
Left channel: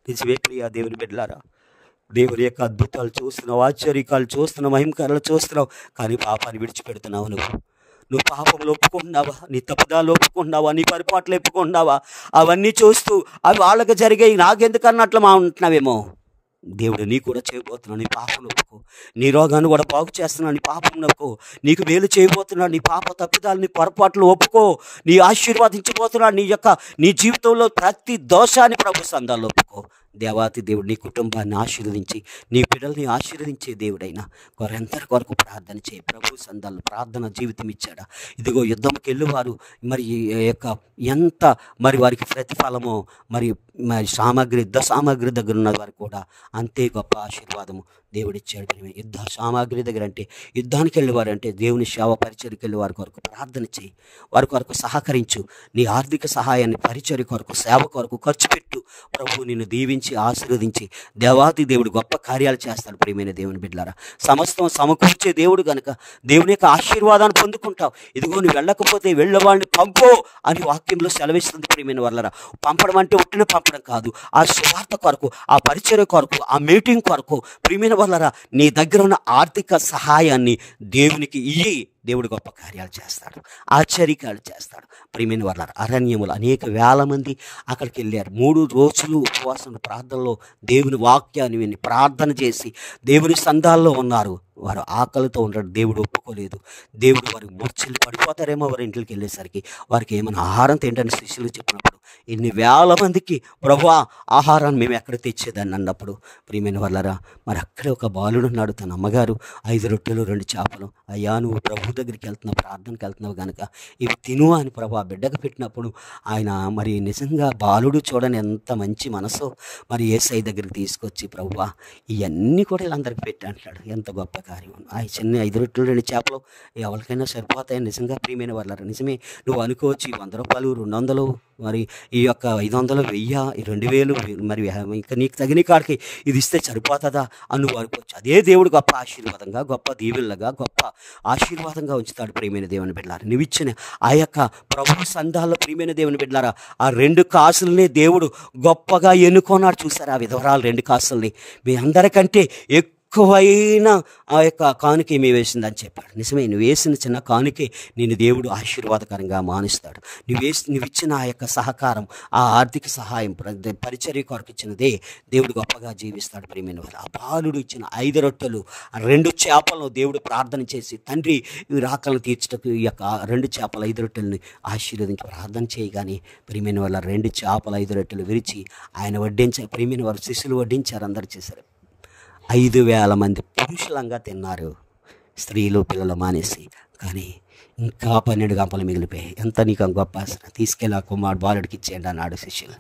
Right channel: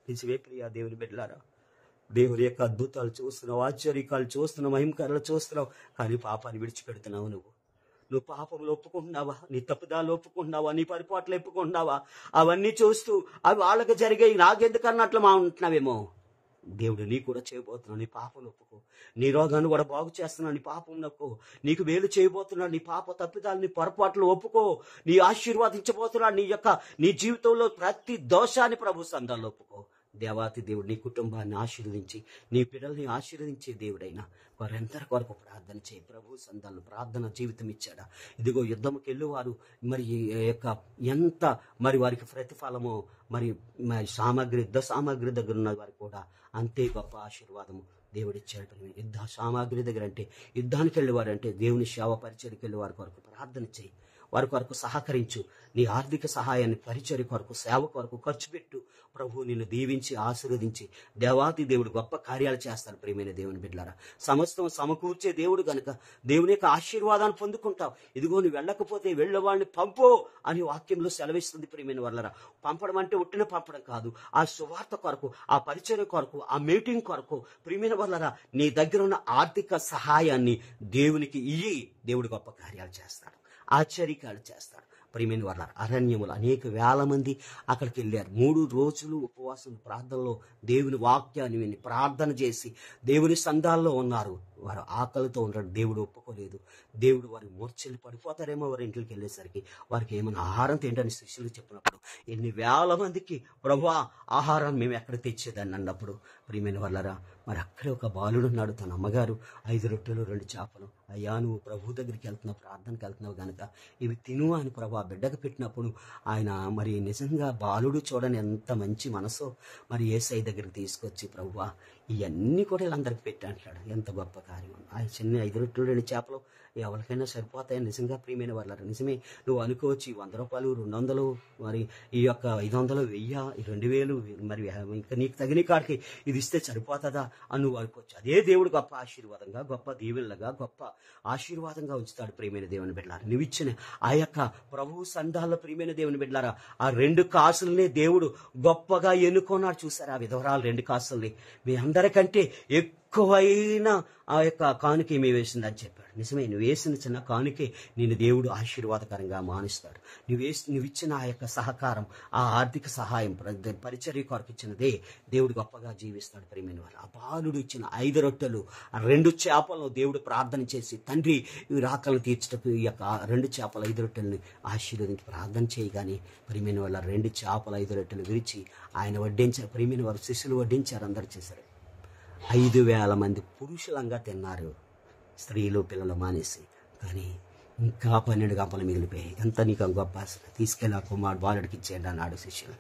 నిజమే ప్రియా దేవుని బిడ్డలారా, దేవుని యొక్క అద్భుతాలు చూస్తున్నావు, ఆశ్చర్యకాలు చూస్తున్నావు, మహిమకారాలు చూస్తున్నావు, కానీ పాపాన్ని విడిచిపెడుతున్నావు. నువ్వు పాపంలో ఒప్పుకుంటున్నావా? నీ తప్పుదాలు ఒప్పుకుంటున్నావా? నీ పరిపాట్లు ఒప్పుకుంటున్నావా? అవన్నీ చూస్తూ అవి వాళ్ళకి జరిగాయి, నాకెందుకన్నట్లు మా ఉంటున్నావేమో. దేవుడు నీ కూడా చేయబోతున్నాడు. నీ పాపం ఒప్పుకో. నీ రోగాన్ని కూడా బాగు చేస్తున్నాడు. నీ పాపం ఒప్పుకో. నీకు మేలు చేయబోతున్నాడు. నీ పాప తప్పిదాలు, నీ పొరపాట్లు ఒప్పుకో. నీ ఆశీర్వాదించబోతున్నాడు. నీ జీవితంలో ప్రతి దోషాన్ని ప్రభు సంఘాల్లో ఒప్పుకో. దేవాతి దేవుడు నీ కుటుంబాన్ని ఆశీర్వదించి, నీ పిల్లల్ని ఆశీర్వదించే దేవుడైనా వారందరి కొరకు ప్రార్థన చేయి. ప్రభు సంఘాల్లో ప్రార్థన జీవితం ఇచ్చాడా? ఇదిగో యుద్ధంకి వెళ్ళేవారు మరి యొక్క ఎంత మరి వారికి ప్రతిఫలమో, మరి యుద్ధ సామాగ్రి దగ్గర ఉన్న వారికి కూడా అంతే గొప్ప ఆశీర్వాదము దేవుడిచ్చాడు. యుద్ధ సామాగ్రి దగ్గర అంటే యుద్ధానికి వెళ్ళేవారంటే దేవుని సేవ పరిచర్యకి వెళ్ళి వారి కొరకు ప్రార్థన చేయి. వారి కొరకు సహకరించు. నీ ఆర్థిక సహాయాన్ని పరిచర్య కొరకు, సేవ కొరకు ఖర్చు పెట్టు. ప్రభు నిన్ను దీవించి ఆశీర్వదించి దేవాతి దేవుడు గొప్ప కార్యాలు చేస్తాడు. ప్రియమైన దేవుని బిడ్డలారా, సమస్తం సమకూర్చే దేవుడు కనుక దేవుని యొక్క ఆశీర్వాదాన్ని పొందుకుంటావు. ఇదిగో నువ్వు వెళ్ళకపోతే వెళ్ళేవాడిని పంపో అని వాక్యంలో సెలవిస్తుంది. ప్రియమైన వాళ్ళరా, పంపడం అంటే ఒట్టిన పంపడం కాదు. ఆ సువార్త కొరకు, ఆ పరిచర్య కొరకు, ఆ మీటింగ్ కొరకు ప్రియమైన వాళ్ళరా నీ దగ్గర ఉన్న ఆర్థిక సహాయాన్ని దేవునికి ఇయ్యి. దేవుడు గొప్ప కార్యాలు చేస్తాడు, ఆశ్చర్యకాలు చేస్తాడు. ప్రియమైన వాళ్ళారా, అరణ్యములు అనేక వేల మంది అక్కడికి వెళ్ళారు. 3 రోజులు ఉపవాసం ప్రార్థనలో దేవుని వాక్యాన్ని విని ప్రార్థన చేసి దేవుని సంఘాల్లో ఉన్నారు. వారు ఆకలితో ఉండడం దేవుడు ఒప్పుకోలేదు. దేవుడు వారికి మూర్ఛలు పడిపోతారేమో వారి ఇంటికి వెళ్ళేసరికి. వారికి ఏమైనా ఆహారం తింటని శిష్యులు చెప్పినప్పుడు ఇన్ని వేల మందికి ప్రభువా ఆహారాన్ని మేము ఎక్కడ తెచ్చేదాన్ని అన్నప్పుడు ప్రియమైన వాళ్ళరా, మరి అక్కడే ఒక బాలుడు ఉన్నాడు. తన అమ్మగారు 5 రొట్టెలు 2 చేపలు, అయ్యా నువ్వు ప్రభు దగ్గరికి వెళ్తున్నావు, ప్రార్థనకి వెళ్తున్నావు కనుక ఇవి తిను అని ప్రభు ఆ బిడ్డకు పెట్టినప్పుడు ఆయన మరి నిజంగా బాలుడు చూడని ఎంత మంచి మనసు మరి యేసయ్య దగ్గరికి తీసుకొచ్చి ప్రభువా ఇవన్నీ కూడా వీళ్ళందరికీ పెట్టి అంటాడు. ఎంత గొప్ప కార్యం. ఆ చిన్న 5 రొట్టెలు 2 చేపలు ఎవరికైనా సరిపోతాయి. నిజంగా ప్రియమైన వాళ్ళారా, నిజమే. నువ్వు అనుకోవచ్చు 100 రూపాయలు 200 మరి ఈ యొక్క 500 1000 2000 మరి ఇంకా నీకు తగిన కాడికి ఇది ఇస్తే సరిపోతుందా అని నువ్వు అనుకోవచ్చు. అదే దేవుడు గొప్ప ఆశీర్వాదంగా, గొప్ప దీవెనలుగా, గొప్ప ఆశీర్వాదంగా ఉంచుతాడు. ప్రియమైన దేవుని బిడ్డలారా, నువ్వు ఇచ్చిన ఆ యొక్క ప్రభు సంఘాల్లో ప్రియమైన దేవుని బిడ్డలారా ఆ 2 కాసులనే దేవుడు గొప్పగా ఎన్నుకున్నాడు. చూసారా ఆ విధవరాలు 2 కాసుల్ని మీ అందరికంటే ఎక్కువైన ఆ యొక్క కానుక ఏమి వేసిందని చెప్పాడు. నిజమే, నువ్వు వేసిన చిన్న కానుకే నేను దేవుడు ఆశీర్వాదకరంగా మానిస్తాడు. నువ్వు ఇచ్చిన ఆ యొక్క సహకారం, ఆ ఆర్థిక సహాయం పరిచర్య కొరకు ఇచ్చినదే దేవుడు గొప్పగా జీవిస్తాడు. ప్రియమైన వారు, ఆ బాలుడు ఇచ్చిన 5 రొట్టెలు 2 చేపలను దేవుడు ప్రార్థన చేసి తండ్రి ఈ రాకలను తీర్చటకు ఈ యొక్క 2 చేపలు 5 రొట్టెలని ఆశీర్వదించి ప్రార్థన చేయగానే ప్రియమైన వాళ్ళ 2 చేపలు 5 రొట్టెలు విరిచి ఆయన వడ్డించారు. ప్రియమైన వారు శిష్యులు వడ్డించారు, అందరు చేశారు. 5,000 మంది పురుషులంగా తిన్నారు, స్త్రీలు పిల్లలు మానేసి. కానీ ఇంకా 12 గంపలు మిగిలిపోయాయి. ఎంత నీకు గొప్ప ఆశ. తీసుకెళ్ళి ఆ కుమారుడు బాలుడికి ఇచ్చేయండి అన్నాడు శిష్యులు.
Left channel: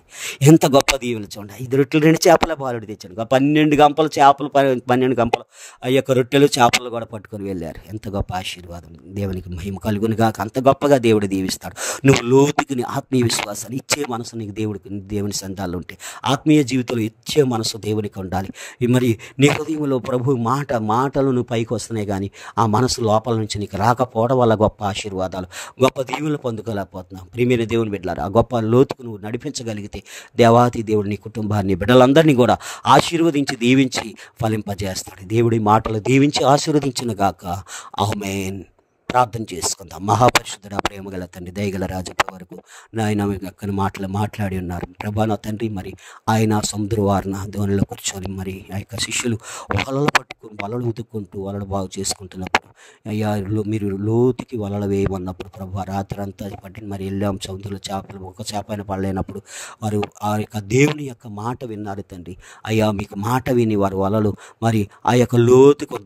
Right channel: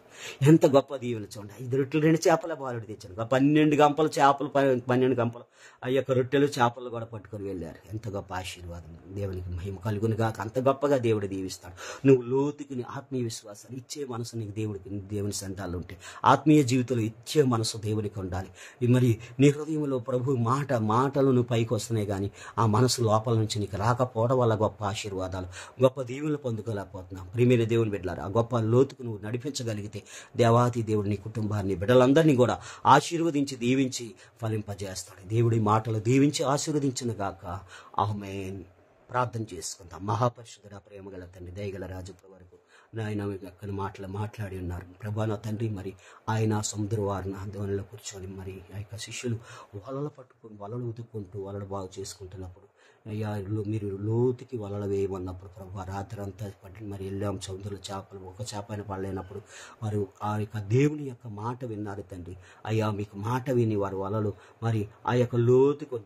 ఎంత గొప్ప దీవెనలు చూడండి. 5 రొట్టెలు 2 చేపల బాలుడు తెచ్చాడు. 12 గంపలు చేపలు, 12 గంపలు ఆ యొక్క రొట్టెలు చేపలు కూడా పట్టుకొని వెళ్ళారు. ఎంత గొప్ప ఆశీర్వాదం. దేవునికి మహిమ కలుగునుగా. అంత గొప్పగా దేవుడు దీవిస్తాడు. నువ్వు లోతుకుని ఆత్మీయ విశ్వాసాలు ఇచ్చే మనసు నీకు దేవుని సంతాల్లో ఉంటే, ఆత్మీయ జీవితంలో ఇచ్చే మనసు దేవునికి ఉండాలి. మరి నీ హృదయంలో ప్రభు మాటలు నువ్వు పైకి వస్తున్నాయి, కానీ ఆ మనసు లోపల నుంచి నీకు రాకపోవడం వల్ల గొప్ప ఆశీర్వాదాలు, గొప్ప దీవులు పొందుకోలేకపోతున్నాం. ప్రియమైన దేవుని బిడ్డలారా, ఆ గొప్ప లోతుకు నువ్వు నడిపించగలిగితే దేవాతి దేవుడు నీ కుటుంబాన్ని, బిడ్డలందరినీ కూడా ఆశీర్వదించి దీవించి ఫలింపజేస్తాడు. దేవుడి మాటలు దీవించి ఆశీర్వదించిన గాక. ఆమేన్. ప్రార్థన చేసుకుందాం. మహాపరిశుద్ధుడ, ప్రేమగల తండ్రి, దయగల రాజు వరకు నాయన అక్కని మాట్లాడి ఉన్నారు ప్రభా. నా తండ్రి, మరి ఆయన సముద్ర వారిన ధోనిలో కూర్చొని మరి ఆ యొక్క శిష్యులు వలలు పట్టుకుని వలలు ఉతుక్కుంటూ వలలు బాగు చేసుకుంటున్నప్పుడు అయ్యా మీరు లోతుకి వలలు వేయమన్నప్పుడు ప్రభా రాత్రి అంతా పట్టి మరి వెళ్ళాం. సముద్రంలో చేపలు ఒక చేప అయిన పడలేనప్పుడు వారు ఆ యొక్క దేవుని యొక్క మాట విన్నారు తండ్రి. అయ్యా మీకు మాట విని వారు వలలు మరి ఆ యొక్క లోతుకు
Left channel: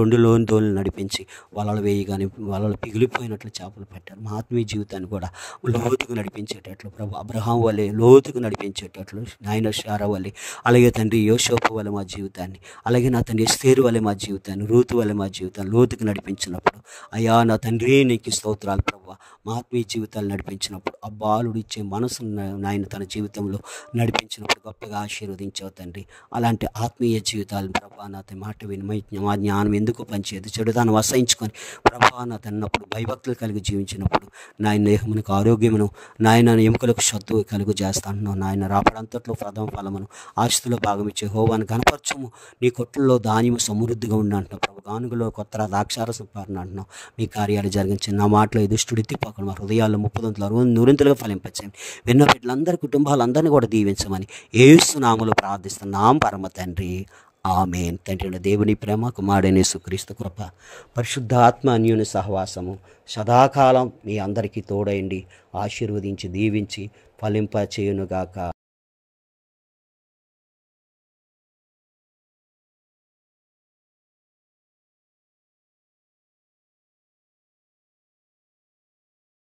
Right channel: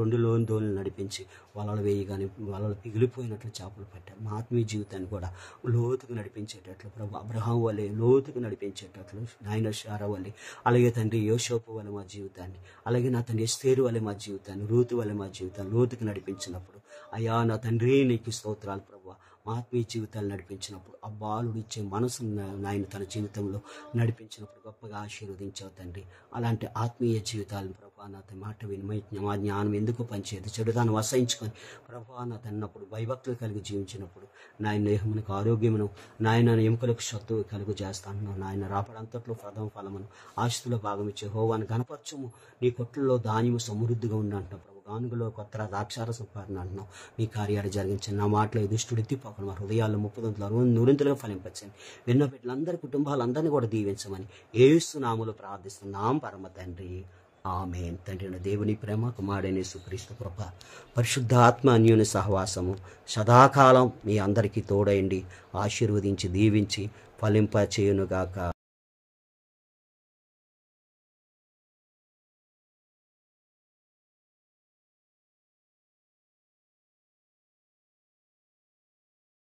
రెండు ధోనిలు నడిపించి వలలు వేయగానే వలలు పిగిలిపోయినట్లు చేపలు పెట్టారు. మా ఆత్మీయ జీవితాన్ని కూడా లోతుకు నడిపించేటట్లు ప్రభు అబ్రహాం వలె లోతుకు నడిపించేటట్లు నాయన శారా వలె, అలాగే తండ్రి యోసేపు వలె మా జీవితాన్ని, అలాగే నా తండ్రి ఎస్తేరు వలె మా జీవితాన్ని, రూతు వలె మా జీవితాన్ని లోతుకు నడిపించినప్పుడు అయ్యా నా తండ్రి నీకు స్తోత్రాలు ప్రభు. మా ఆత్మీయ జీవితాలు నడిపించినప్పుడు ఆ బాలుడు ఇచ్చే మనసు నాయన తన జీవితంలో నడిపించినప్పుడు గొప్పగా ఆశీర్వదించావు తండ్రి. అలాంటి ఆత్మీయ జీవితాలను ప్రభా నా మాట విని మా జ్ఞానం ఎందుకు పనిచేయదు, చెడుదాన్ని వసయించుకొని ప్రభా నా తన్నప్పుడు భయభక్తులు కలిగి జీవించినప్పుడు నాయన దేహమునకు ఆరోగ్యమును, నాయన ఎముకలకు సత్తు కలుగు చేస్తాను. నాయన రాపడంతట్లో ప్రథమ ఫలమును, ఆస్తులో భాగం ఇచ్చే హోవాను కనపరచము. నీ కొట్లలో ధాన్యము సమృద్ధిగా ఉండి అంటున్నావు ప్రభు. గానుగలో కొత్త ద్రాక్షారసం పారణ అంటున్నావు. మీ కార్యాలు జరిగించి నా మాటలో దుష్టుడు ఎత్తిపోకుండా మా హృదయాల్లో 30 నూరింతలుగా ఫలింపచ్చండి. విన్న బిడ్డలందరి కుటుంబాలందరినీ కూడా దీవించమని యేసు నామములో ప్రార్థిస్తున్నాం పరమ తండ్రి. ఆమేన్. తండ్రి దేవుని ప్రేమ, కుమారుడైన యేసుక్రీస్తు కృప, పరిశుద్ధ ఆత్మ అన్యోన్య సహవాసము సదాకాలం మీ అందరికీ తోడైండి ఆశీర్వదించి దీవించి ఫలింప చేయునుగాక.